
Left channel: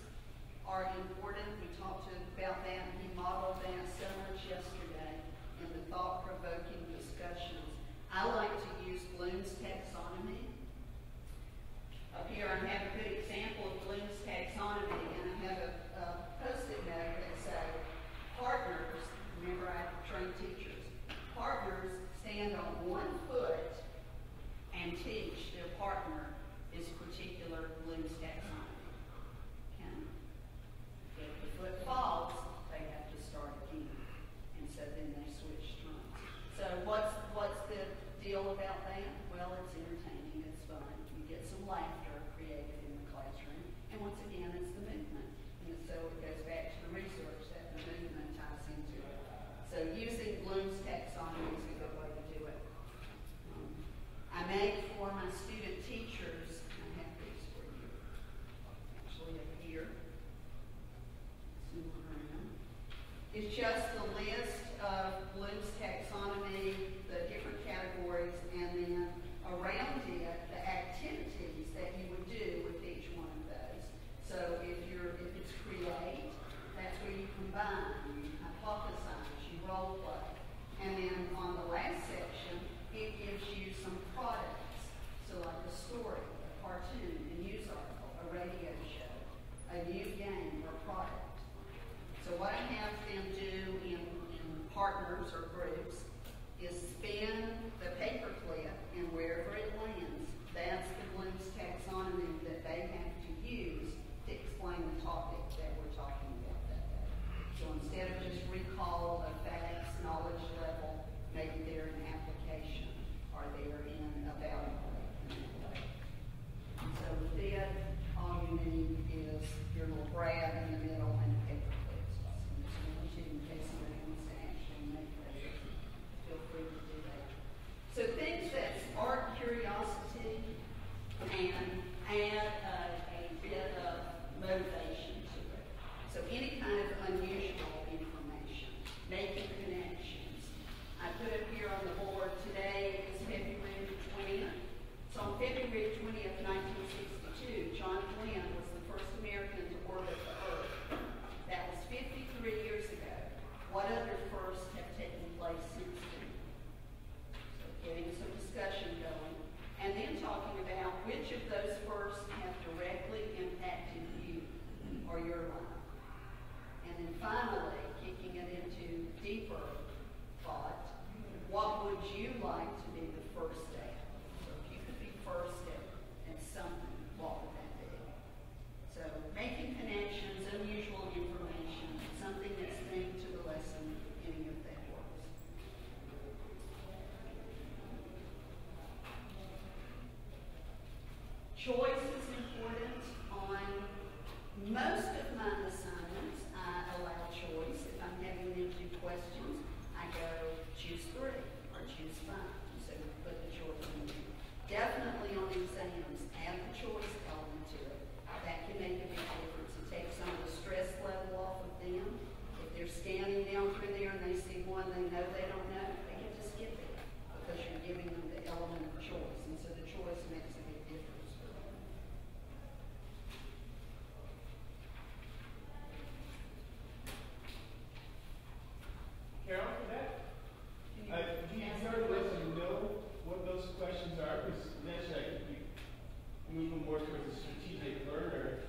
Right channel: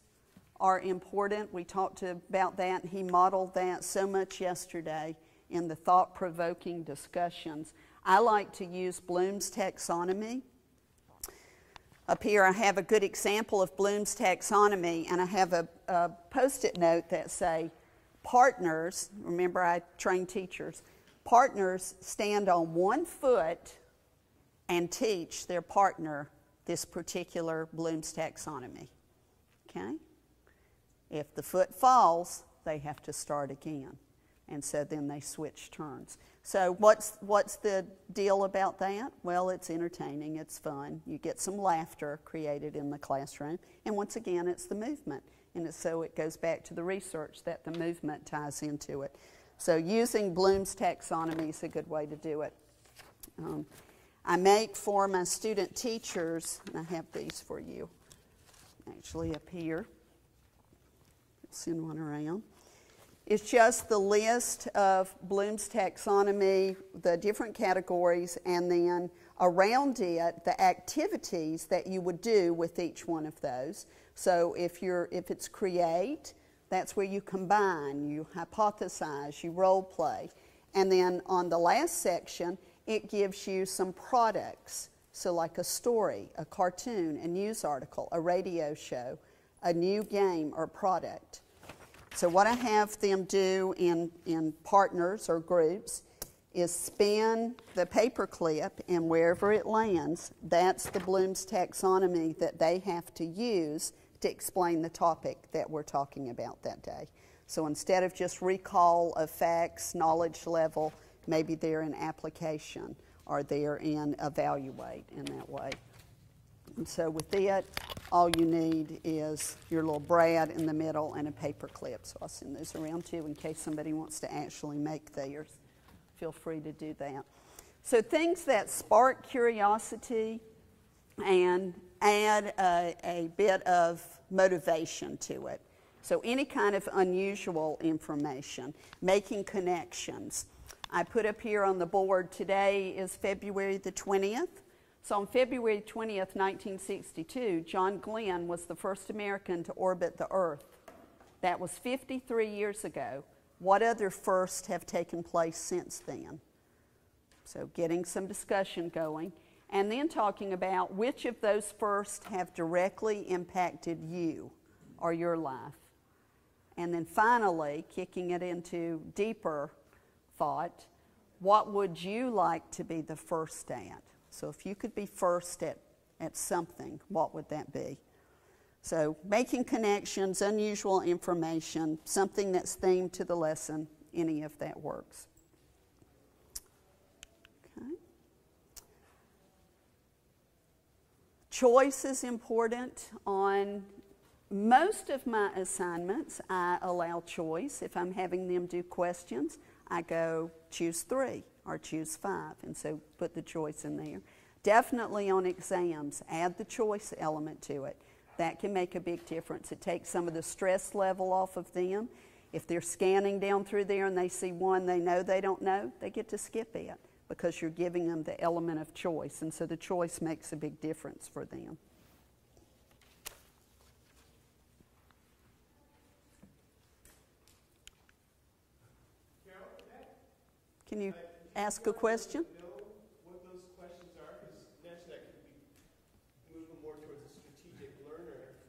are important. We talked about that. He modeled that so much yesterday in the thought-provoking discussions. I like to use Bloom's taxonomy. Up here I have a good example of Bloom's taxonomy, and I have a post-it note that say, partners, remember I train teachers, partners stand on one foot and teach their partner this particular Bloom's taxonomy, okay? If the foot falls, they have to start again, and so then they switch turns. So what's the deal about that? Well, it's entertaining, it's fun. You get some laughter created in the classroom, and once again, it's the movement, and so it goes back to the research that the movement ties into it. So using Bloom's taxonomy is a good way to do it. I make for my student teachers, and I have these for you, actually up here. Send one around. It's just the list of Bloom's taxonomy, the different categories, and then around it, the activities that you would do with each one of those. So if it's create, that's where you combine, you hypothesize, you role play. And then on the last section, it gives you some products. So like a story, a cartoon, a news article, a radio show, a new game or product. So what I have them do in partners or groups is spin the paper clip, and wherever it lands, that's the Bloom's taxonomy that they have to use to explain the topic that we're talking about that day. So instead of just recall of facts, knowledge level, maybe they're in application or they're in evaluate in that way. And so with it, all you need is your little brad in the middle and a paper clip. So I'll send those around to you in case somebody wants to actually make theirs. Feel free to do that. So things that spark curiosity and add a bit of motivation to it. So any kind of unusual information, making connections. I put up here on the board, today is February the 20th. So on February 20th, 1962, John Glenn was the first American to orbit the Earth. That was 53 years ago. What other firsts have taken place since then? So getting some discussion going. And then talking about which of those firsts have directly impacted you or your life. And then finally, kicking it into deeper thought, what would you like to be the first at? So if you could be first at something, what would that be? So making connections, unusual information, something that's themed to the lesson, any of that works. Choice is important. On most of my assignments, I allow choice. If I'm having them do questions, I go choose 3 or choose 5, and so put the choice in there. Definitely on exams, add the choice element to it. That can make a big difference. It takes some of the stress level off of them. If they're scanning down through there and they see one they know they don't know, they get to skip it because you're giving them the element of choice. And so the choice makes a big difference for them. Carol, for that? Can you Do ask a you question? know what those questions are? Because naturally I could be moving more towards a strategic learner.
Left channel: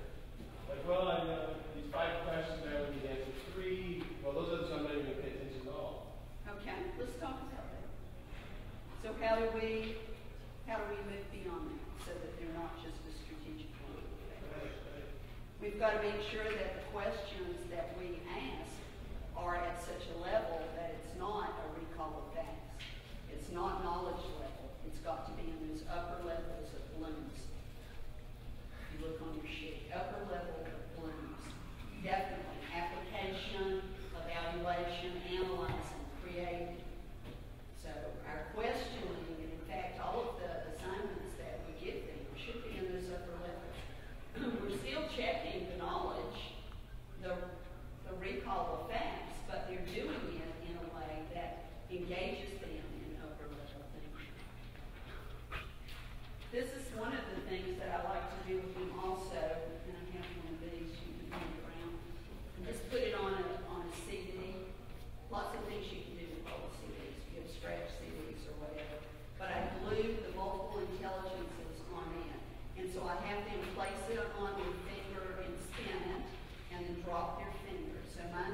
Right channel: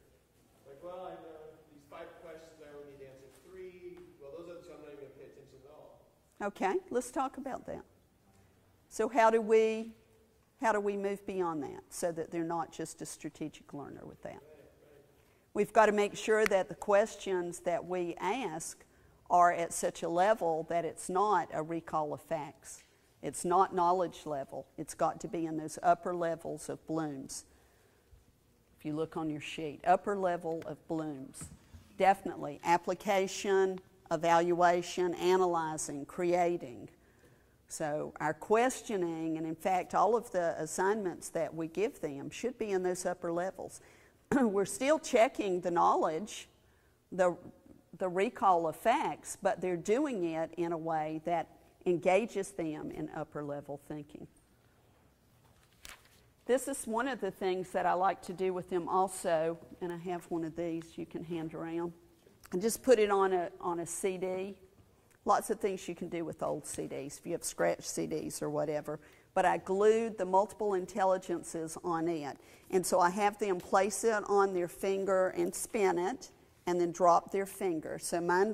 Like, well, I know these 5 questions, I only need to answer 3. Well, those are the ones I'm not even going to pay attention at all. Okay, let's talk about that. So how do we move beyond that so that they're not just a strategic learner with that? We've got to make sure that the questions that we ask are at such a level that it's not a recall of facts. It's not knowledge level. It's got to be in those upper levels of blooms. If you look on your sheet, upper level of blooms. Definitely application, evaluation, analyzing, creating. So our questioning, and in fact all of the assignments that we give them should be in those upper levels. We're still checking the knowledge, the recall of facts, but they're doing it in a way that engages them in upper level thinking. This is one of the things that I like to do with them also, and I have one of these you can hand around. And just put it on a CD. Lots of things you can do with old CDs, if you have scratch CDs or whatever. But I glued the multiple intelligences on it. And so I have them place it on their finger and spin it, and then drop their finger. So mine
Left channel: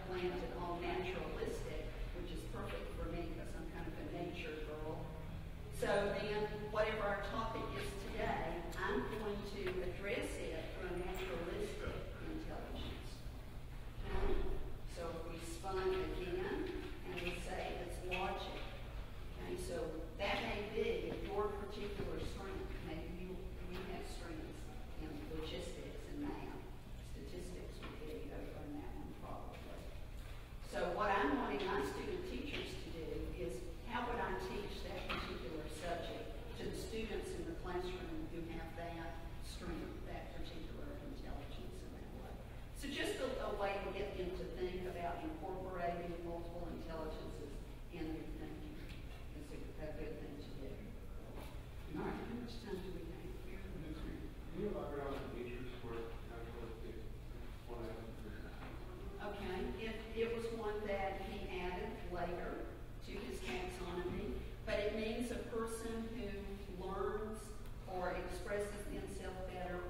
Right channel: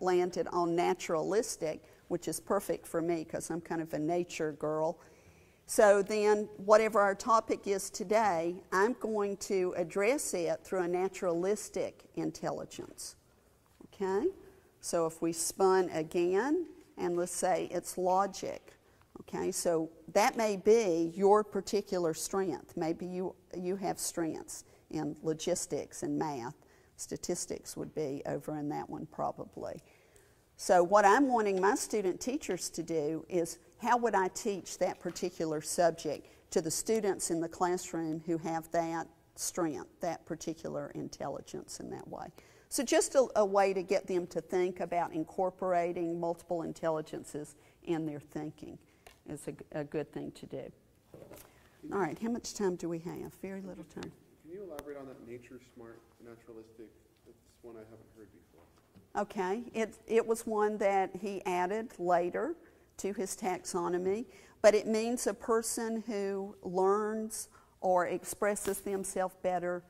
landed on naturalistic, which is perfect for me because I'm kind of a nature girl. So then whatever our topic is today, I'm going to address it through a naturalistic intelligence. Okay? So if we spun again, and let's say it's logic. Okay, so that may be your particular strength. Maybe you have strengths in logistics and math. Statistics would be over in that one probably. So what I'm wanting my student teachers to do is, how would I teach that particular subject to the students in the classroom who have that strength, that particular intelligence in that way? So just a way to get them to think about incorporating multiple intelligences in their thinking is a good thing to do. All right, how much time do we have? Very little time. Can you elaborate on the nature smart naturalistic one I haven't heard? Okay, it was one that he added later to his taxonomy, but it means a person who learns or expresses themselves better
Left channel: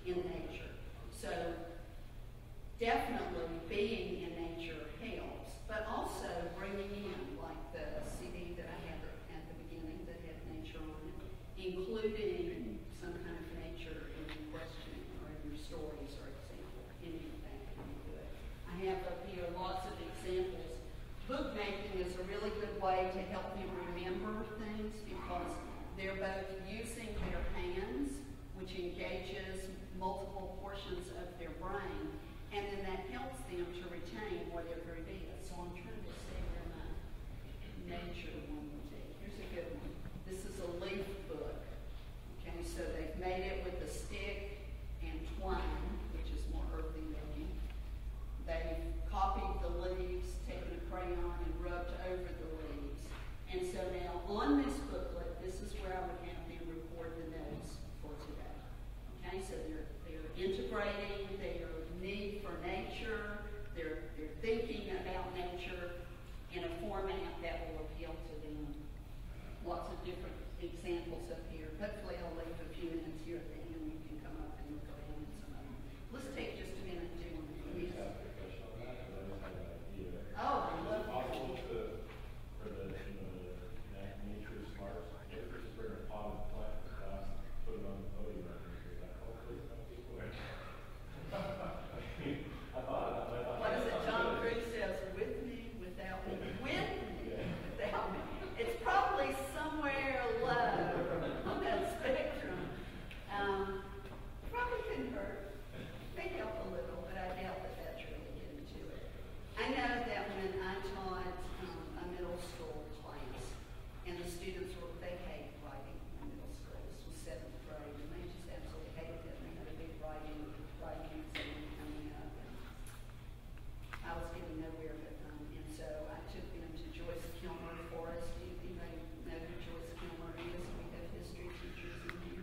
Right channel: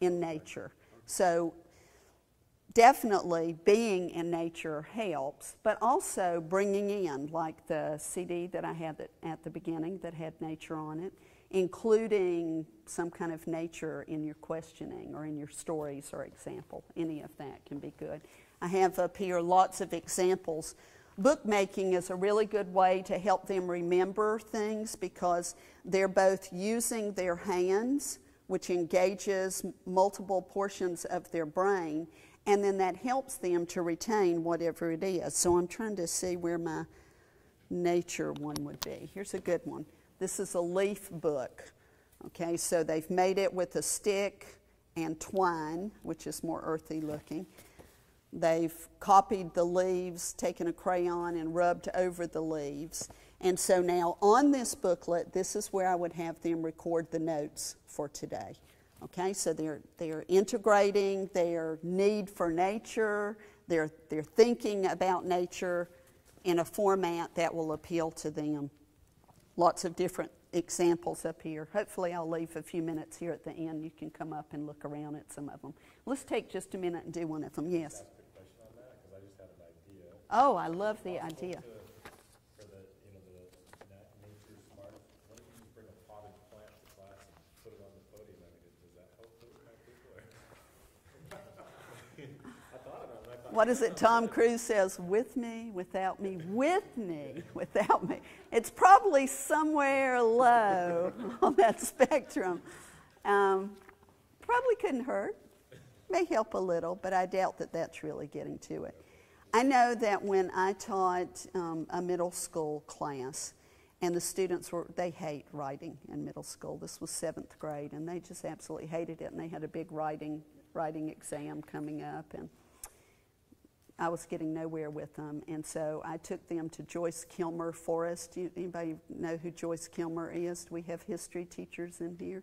in nature. So definitely being in nature helps, but also bringing in, like the CD that I have at the beginning that had nature on it, including some kind of nature in your questioning or in your stories or example. Any of that can be good. I have up here lots of examples. Bookmaking is a really good way to help them remember things because they're both using their hands, which engages multiple portions of their brain, and then that helps them to retain whatever it is. So I'm trying to see where my nature one would be. Here's a good one. This is a leaf book. Okay, so they've made it with a stick and twine, which is more earthy looking. They've copied the leaves, taken a crayon and rubbed over the leaves. And so now on this booklet, this is where I would have them record the notes for today. Okay, so they're integrating their need for nature, they're thinking about nature in a format that will appeal to them. Lots of different examples up here. Hopefully I'll leave a few minutes here at the end. You can come up and look around at some of them. Let's take just a minute and do one of them. Yes. Oh, I love the idea. What is it Tom Cruise says? With me, without me, with me, without me. It's probably somewhere low on that spectrum. Probably couldn't hurt. May help a little, but I doubt that that's really getting to it. I know that when I taught a middle school class, And the students they hate writing in middle school. This was 7th grade, and they just absolutely hated it. And they had a big writing exam coming up, and I was getting nowhere with them. And so I took them to Joyce Kilmer Forest. Anybody know who Joyce Kilmer is? We have history teachers in here.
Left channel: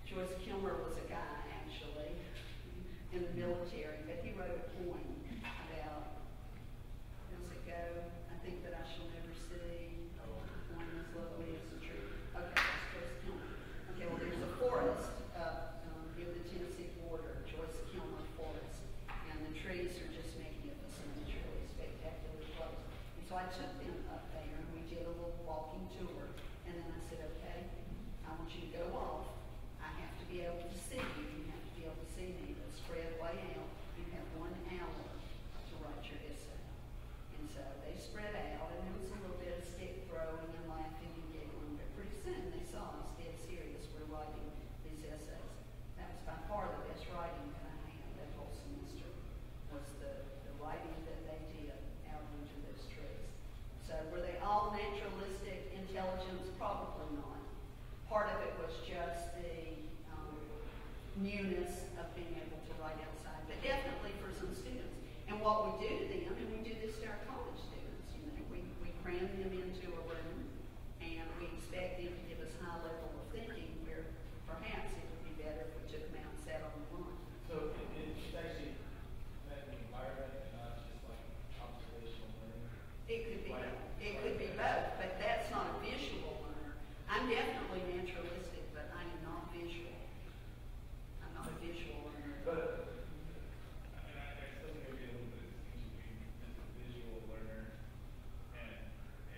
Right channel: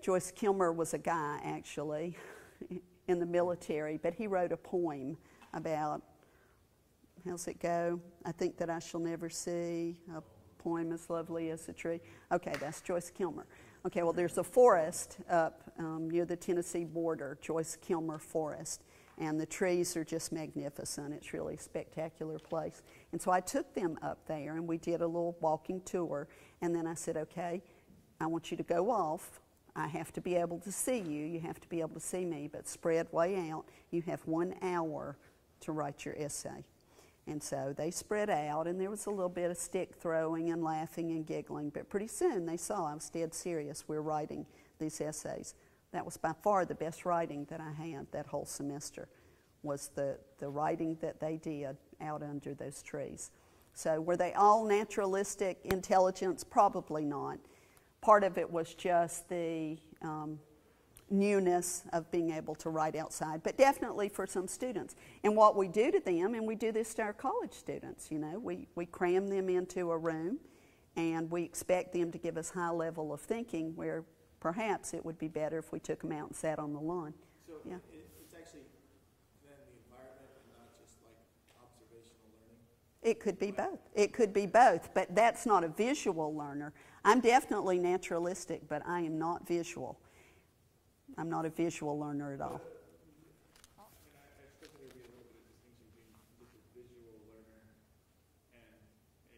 Joyce Kilmer was a guy, actually, in the military, but he wrote a poem about, how's it go? I think that I shall never see a poem as lovely as a tree. Okay, that's Joyce Kilmer. Okay, well, there's a forest up near the Tennessee border, Joyce Kilmer Forest, and the trees are just magnificent. It's really a spectacular place. And so I took them up there, and we did a little walking tour, and then I said, okay, I want you to go off. I have to be able to see you. You have to be able to see me, but spread way out. You have 1 hour to write your essay. And so they spread out, and there was a little bit of stick throwing and laughing and giggling, but pretty soon they saw I was dead serious. We're writing these essays. That was by far the best writing that I had that whole semester, was the writing that they did out under those trees. So were they all naturalistic intelligence? Probably not. Part of it was just the newness of being able to write outside, but definitely for some students. And what we do to them, and we do this to our college students, you know, we cram them into a room, and we expect them to give us high level of thinking, where perhaps it would be better if we took them out and sat on the lawn. So Yeah. it's actually that environment and not just like observational learning? It could be both. It could be both, but that's not a visual learner. I'm definitely naturalistic, but I am not visual. I'm not a visual learner at all. But, I still think it would be a little bit distinction between just a visual learner and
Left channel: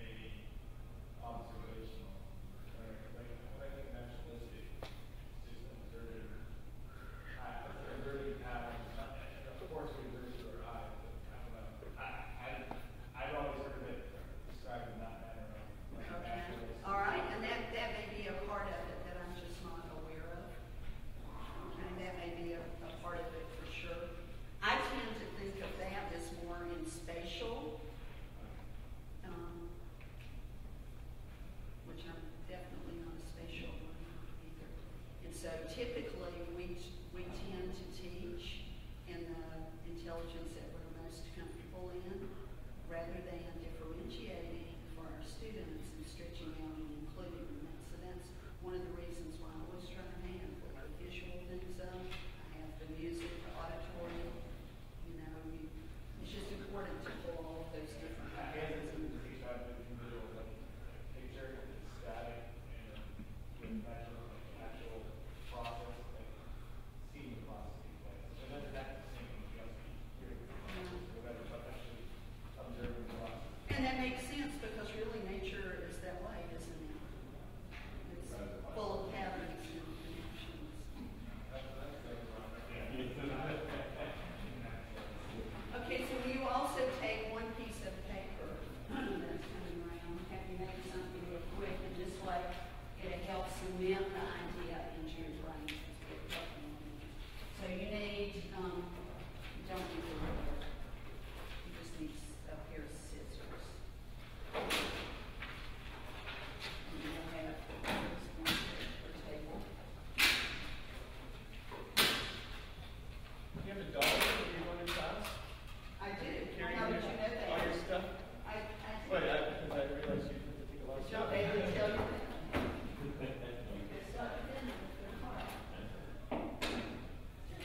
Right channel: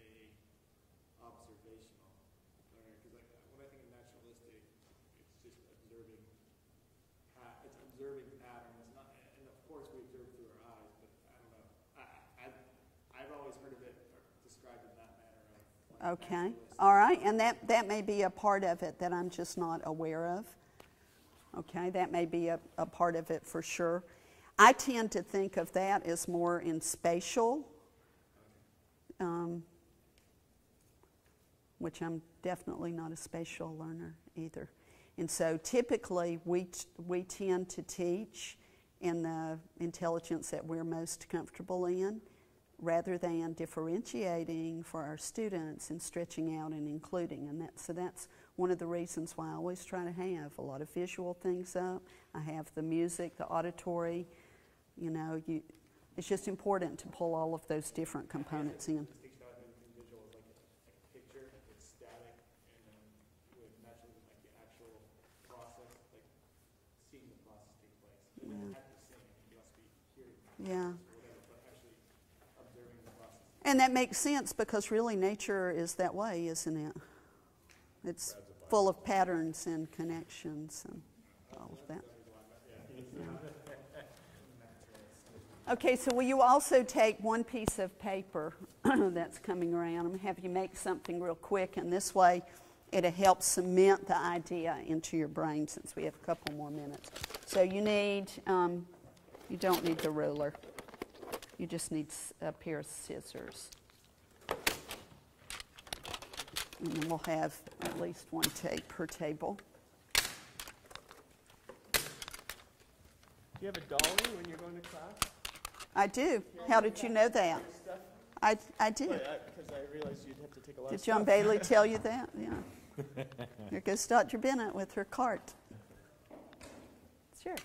a observational learner. Because like, when I think naturalistic, it's just observing patterns. And of course, we observe through our eyes, but I don't know. I've always heard of it described in that manner. Okay. All right. And that may be a part of it that I'm just not aware of. Okay. That may be a part of it for sure. I tend to think of that as more in spatial, which I'm definitely not a spatial learner either. And so typically we tend to teach in the intelligence that we're most comfortable in, rather than differentiating for our students and stretching out and including them. So that's one of the reasons why I always try to have a lot of visual things up. I have the music, the auditory, you know, it's just important to pull all of those different components in. Yeah. And that makes sense, because really nature is that way, isn't it? It's full of patterns and connections and all that. Okay, so will you also take one piece of paper that's coming around? I'm going to have you make something real quick, and this way it'll help cement the idea into your brain, since we have a couple more minutes. So you need, you don't need the ruler. You just need a pair of scissors. And then we'll have at least one tape per table. Do you have a dollar that you're going to class? I do. How did you know that? I did. Did John Bailey tell you that? Yeah. Here goes Dr. Bennett with her cart. Sure.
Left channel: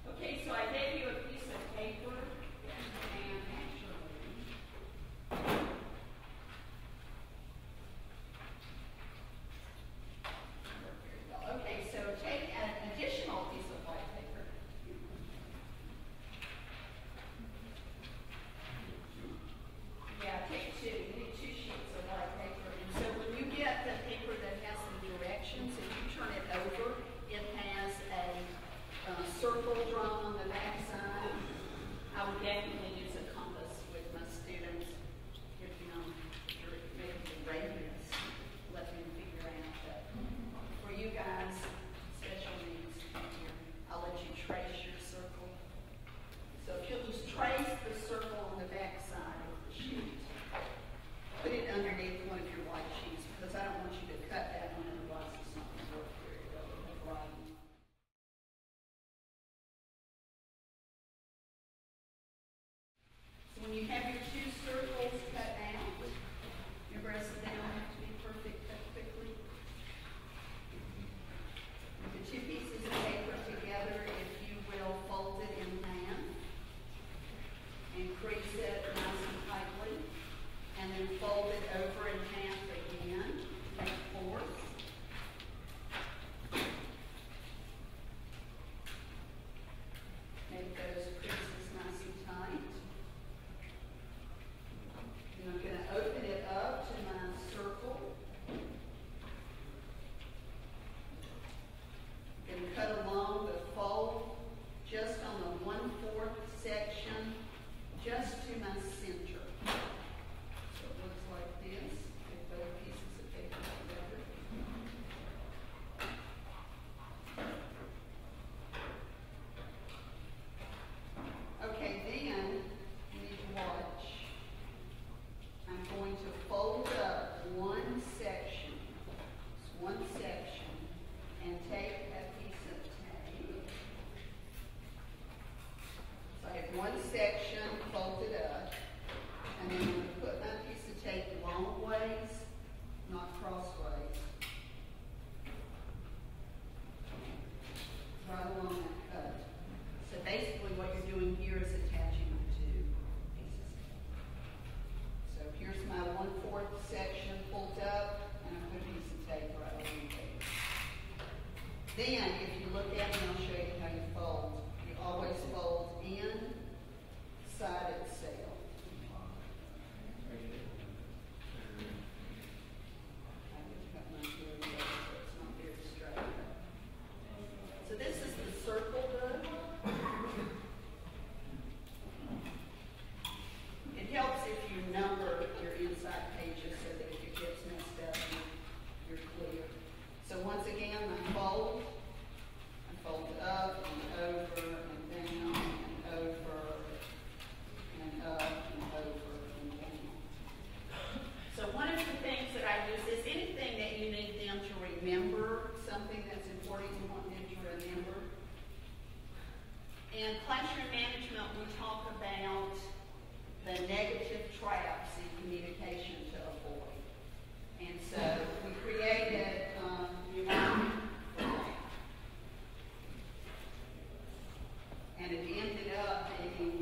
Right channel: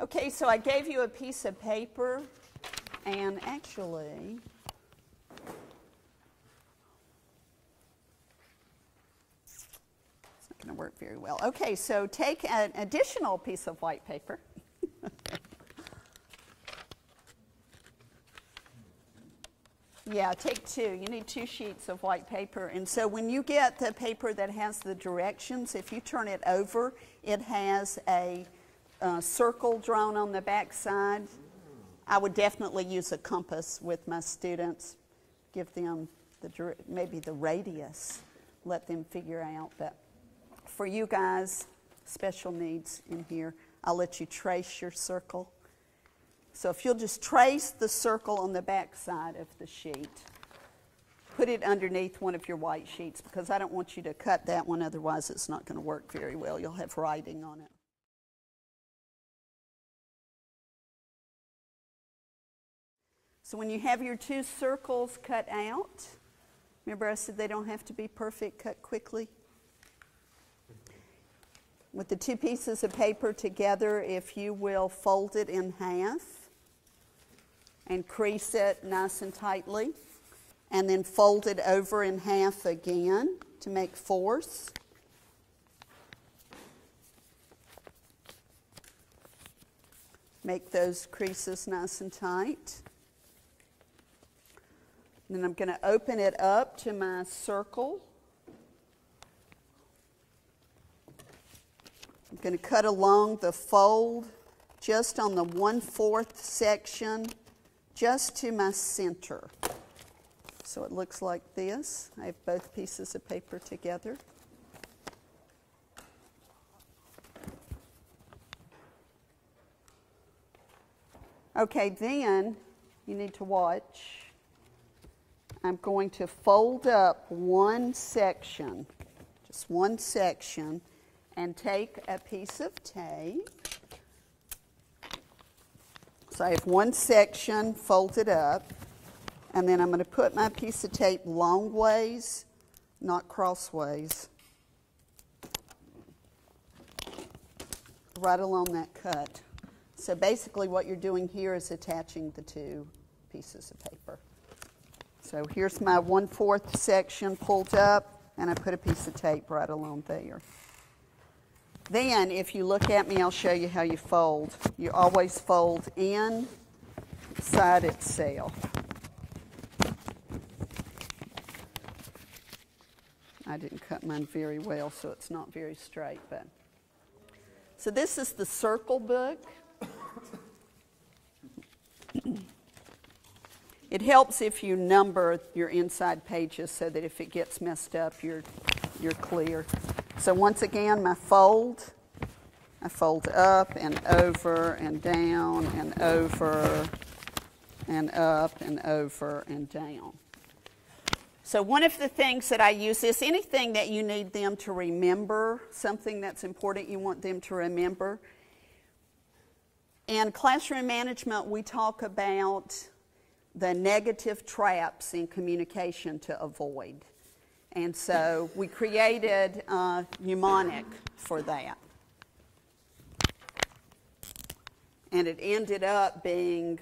Okay, so I gave you a piece of paper, and actually, it's not going to work very well. Okay, so take an additional piece of white paper. Yeah, take two. You need 2 sheets of white paper. And so when you get the paper that has the directions, if you turn it over, it has a circle drawn on the back side. I would definitely use a compass with my students. Give them maybe the radius. Let them figure out. But for you guys, special needs in here, I'll let you trace your circle. So if you'll just trace the circle on the back side of the sheet. put it underneath one of your white sheets because I don't want you to cut that one, otherwise it's not going to work very well. You'll have writing on it. So when you have your two circles cut out, remember I said they don't have to be perfect, cut quickly. With the two pieces of paper together, if you will fold it in half and crease it nice and tightly, and then fold it over in half again to make fours. Make those creases nice and tight. And then I'm going to open it up to my circle. I'm going to cut along the fold just on the 1/4 section, just to my center. So it looks like this. I have both pieces of paper together. Okay, then you need to watch. I'm going to fold up one section, just one section, and take a piece of tape. So I have one section folded up, and then I'm going to put my piece of tape long ways, not crossways, right along that cut. So basically what you're doing here is attaching the two pieces of paper. So here's my 1/4 section pulled up, and I put a piece of tape right along there. Then, if you look at me, I'll show you how you fold. You always fold inside itself. I didn't cut mine very well, so it's not very straight. But. So this is the circle book. It helps if you number your inside pages so that if it gets messed up, you're clear. So once again, my fold, I fold up and over and down and over and up and over and down. So one of the things that I use is anything that you need them to remember, something that's important you want them to remember. In classroom management, we talk about the negative traps in communication to avoid. And so we created a mnemonic for that. And it ended up being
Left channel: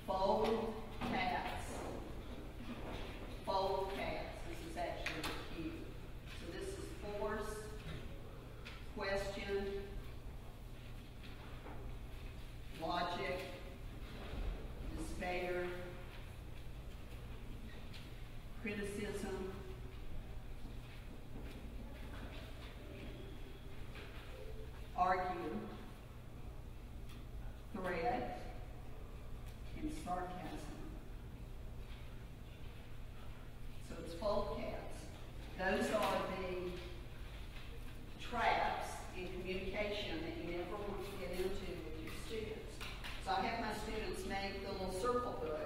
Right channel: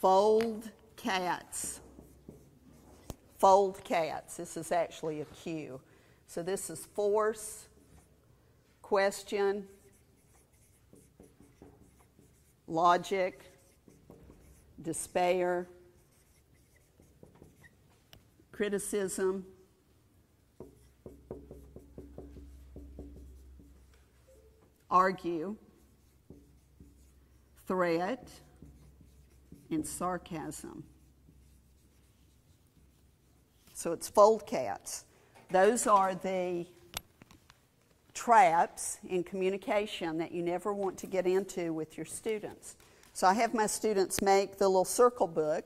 fold cats. Fold cats. This is actually a cue. So this is force, question, logic, despair, criticism, argue, threat, and sarcasm. So it's fold cats. Those are the traps in communication that you never want to get into with your students. So I have my students make the little circle book,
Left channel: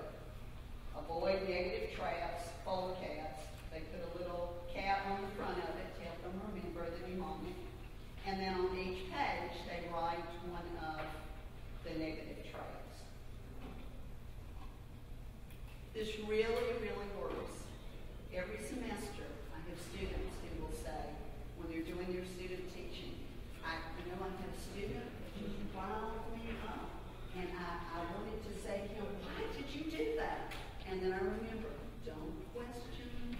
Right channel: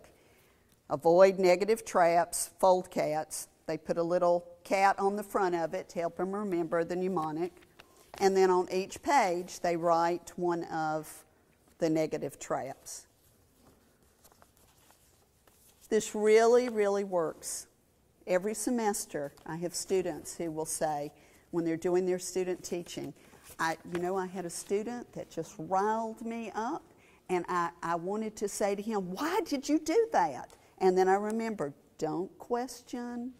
avoid negative traps, fold cats. They put a little cat on the front of it to help them remember the mnemonic. And then on each page, they write one of the negative traps. This really, really works. Every semester, I have students who will say, when they're doing their student teaching, I had a student that just riled me up, and I wanted to say to him, why did you do that? And then I remembered, don't question.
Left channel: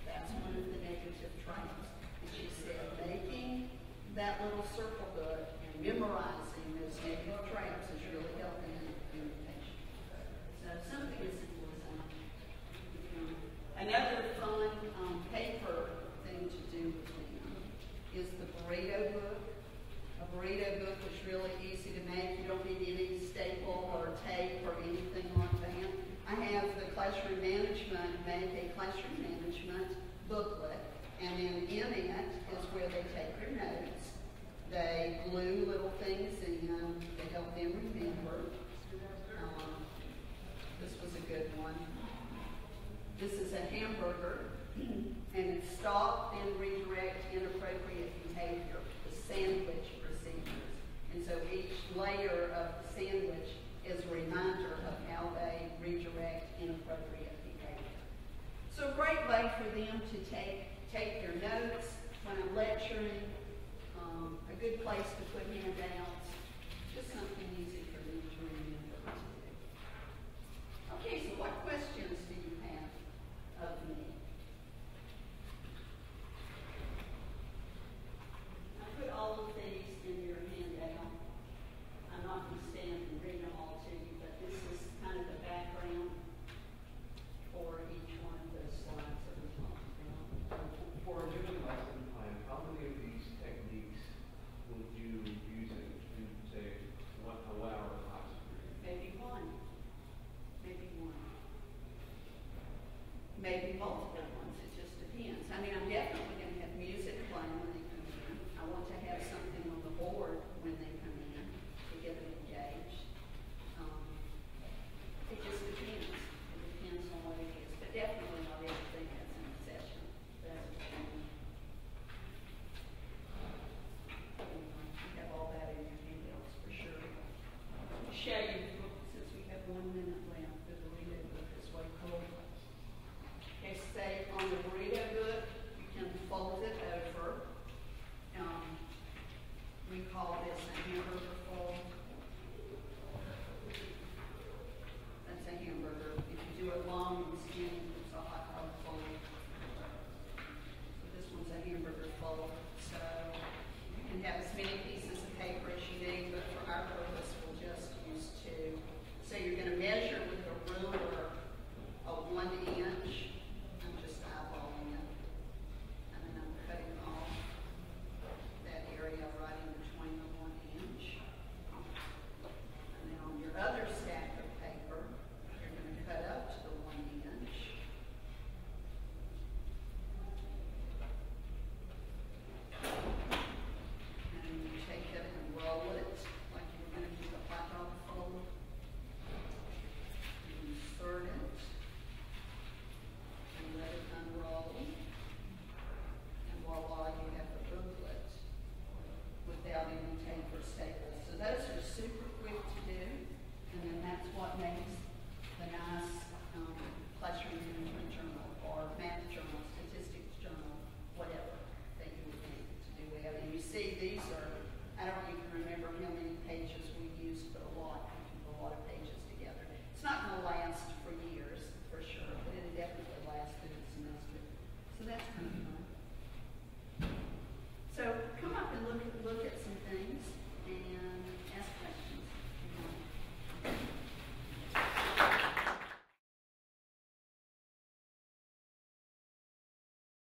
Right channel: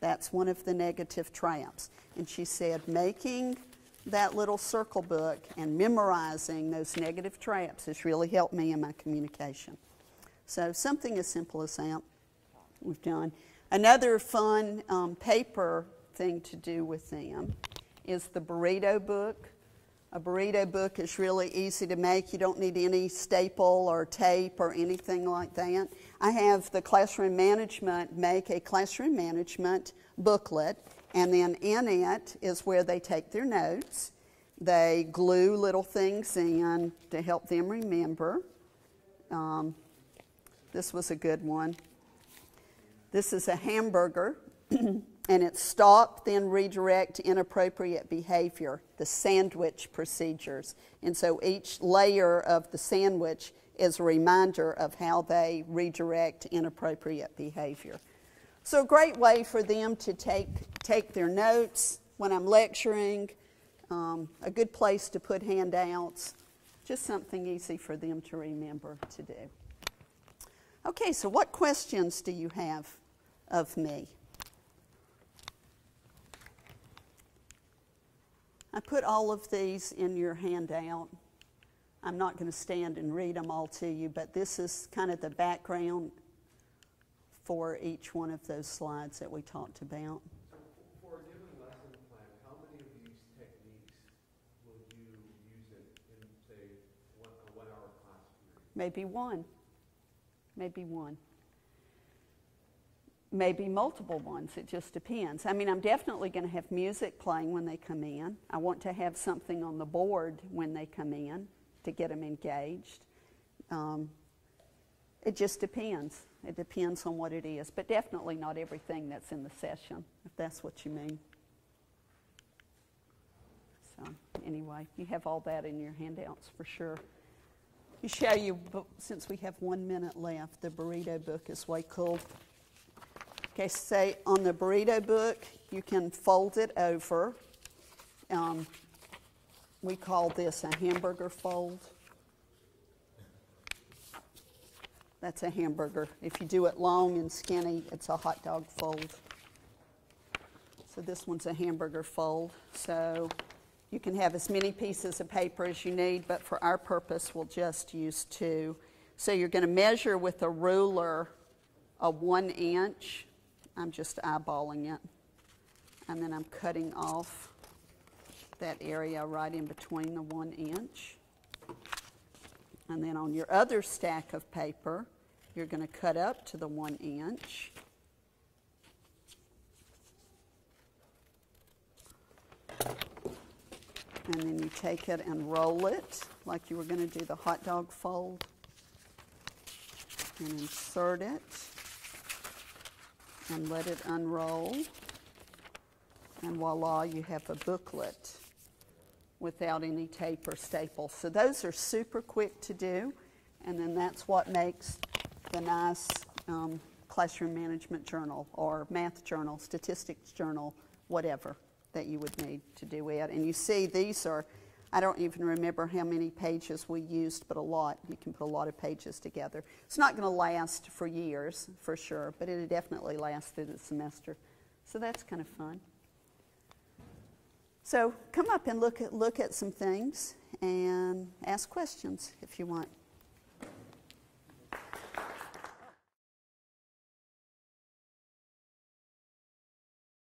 That's one of the negative traps. And she said, making that little circle book and memorizing those negative traps has really helped me in my communication. So something as simple as that we've done. Another fun paper thing to do with them is the burrito book. A burrito book is really easy to make. You don't need any staple or tape or anything like that. I have the classroom management make a classroom management booklet, and then in it is where they take their notes. They glue little things in to help them remember. This was a good one. This is a hamburger, and it's stop, then redirect inappropriate behavior, the sandwich procedures. And so each layer of the sandwich is a reminder of how they redirect inappropriate behavior. So a great way for them to take their notes when I'm lecturing, a good place to put handouts, just something easy for them to remember to do. Okay, so what questions do you have of me? I put all of these in your handout. I'm not going to stand and read them all to you, but this is kind of the background for each one of those slides that we talked about. For a given lesson plan, how many of these techniques would you use in, say, a 1 hour class? Maybe one. Maybe one. Maybe multiple ones. It just depends. I mean, I'm definitely going to have music playing when they come in. I want to have something on the board when they come in to get them engaged. It just depends. It depends on what it is, but definitely not everything that's in the session, if that's what you mean. So anyway, you have all that in your handouts for sure. Let me show you, since we have 1 minute left, the burrito book is way cool. Okay, say on the burrito book, you can fold it over. We call this a hamburger fold. That's a hamburger. If you do it long and skinny, it's a hot dog fold. So this one's a hamburger fold. So you can have as many pieces of paper as you need, but for our purpose, we'll just use 2. So you're going to measure with a ruler a 1 inch. I'm just eyeballing it. And then I'm cutting off that area right in between the 1 inch. And then on your other stack of paper, you're going to cut up to the 1 inch. And then you take it and roll it like you were going to do the hot dog fold. And insert it. And let it unroll. And voila, you have a booklet without any tape or staples. So those are super quick to do, and then that's what makes the nice classroom management journal or math journal, statistics journal, whatever that you would need to do it. And you see these are, I don't even remember how many pages we used, but a lot. You can put a lot of pages together. It's not going to last for years, for sure, but it'll definitely last through the semester. So that's kind of fun. So come up and look at some things and ask questions if you want.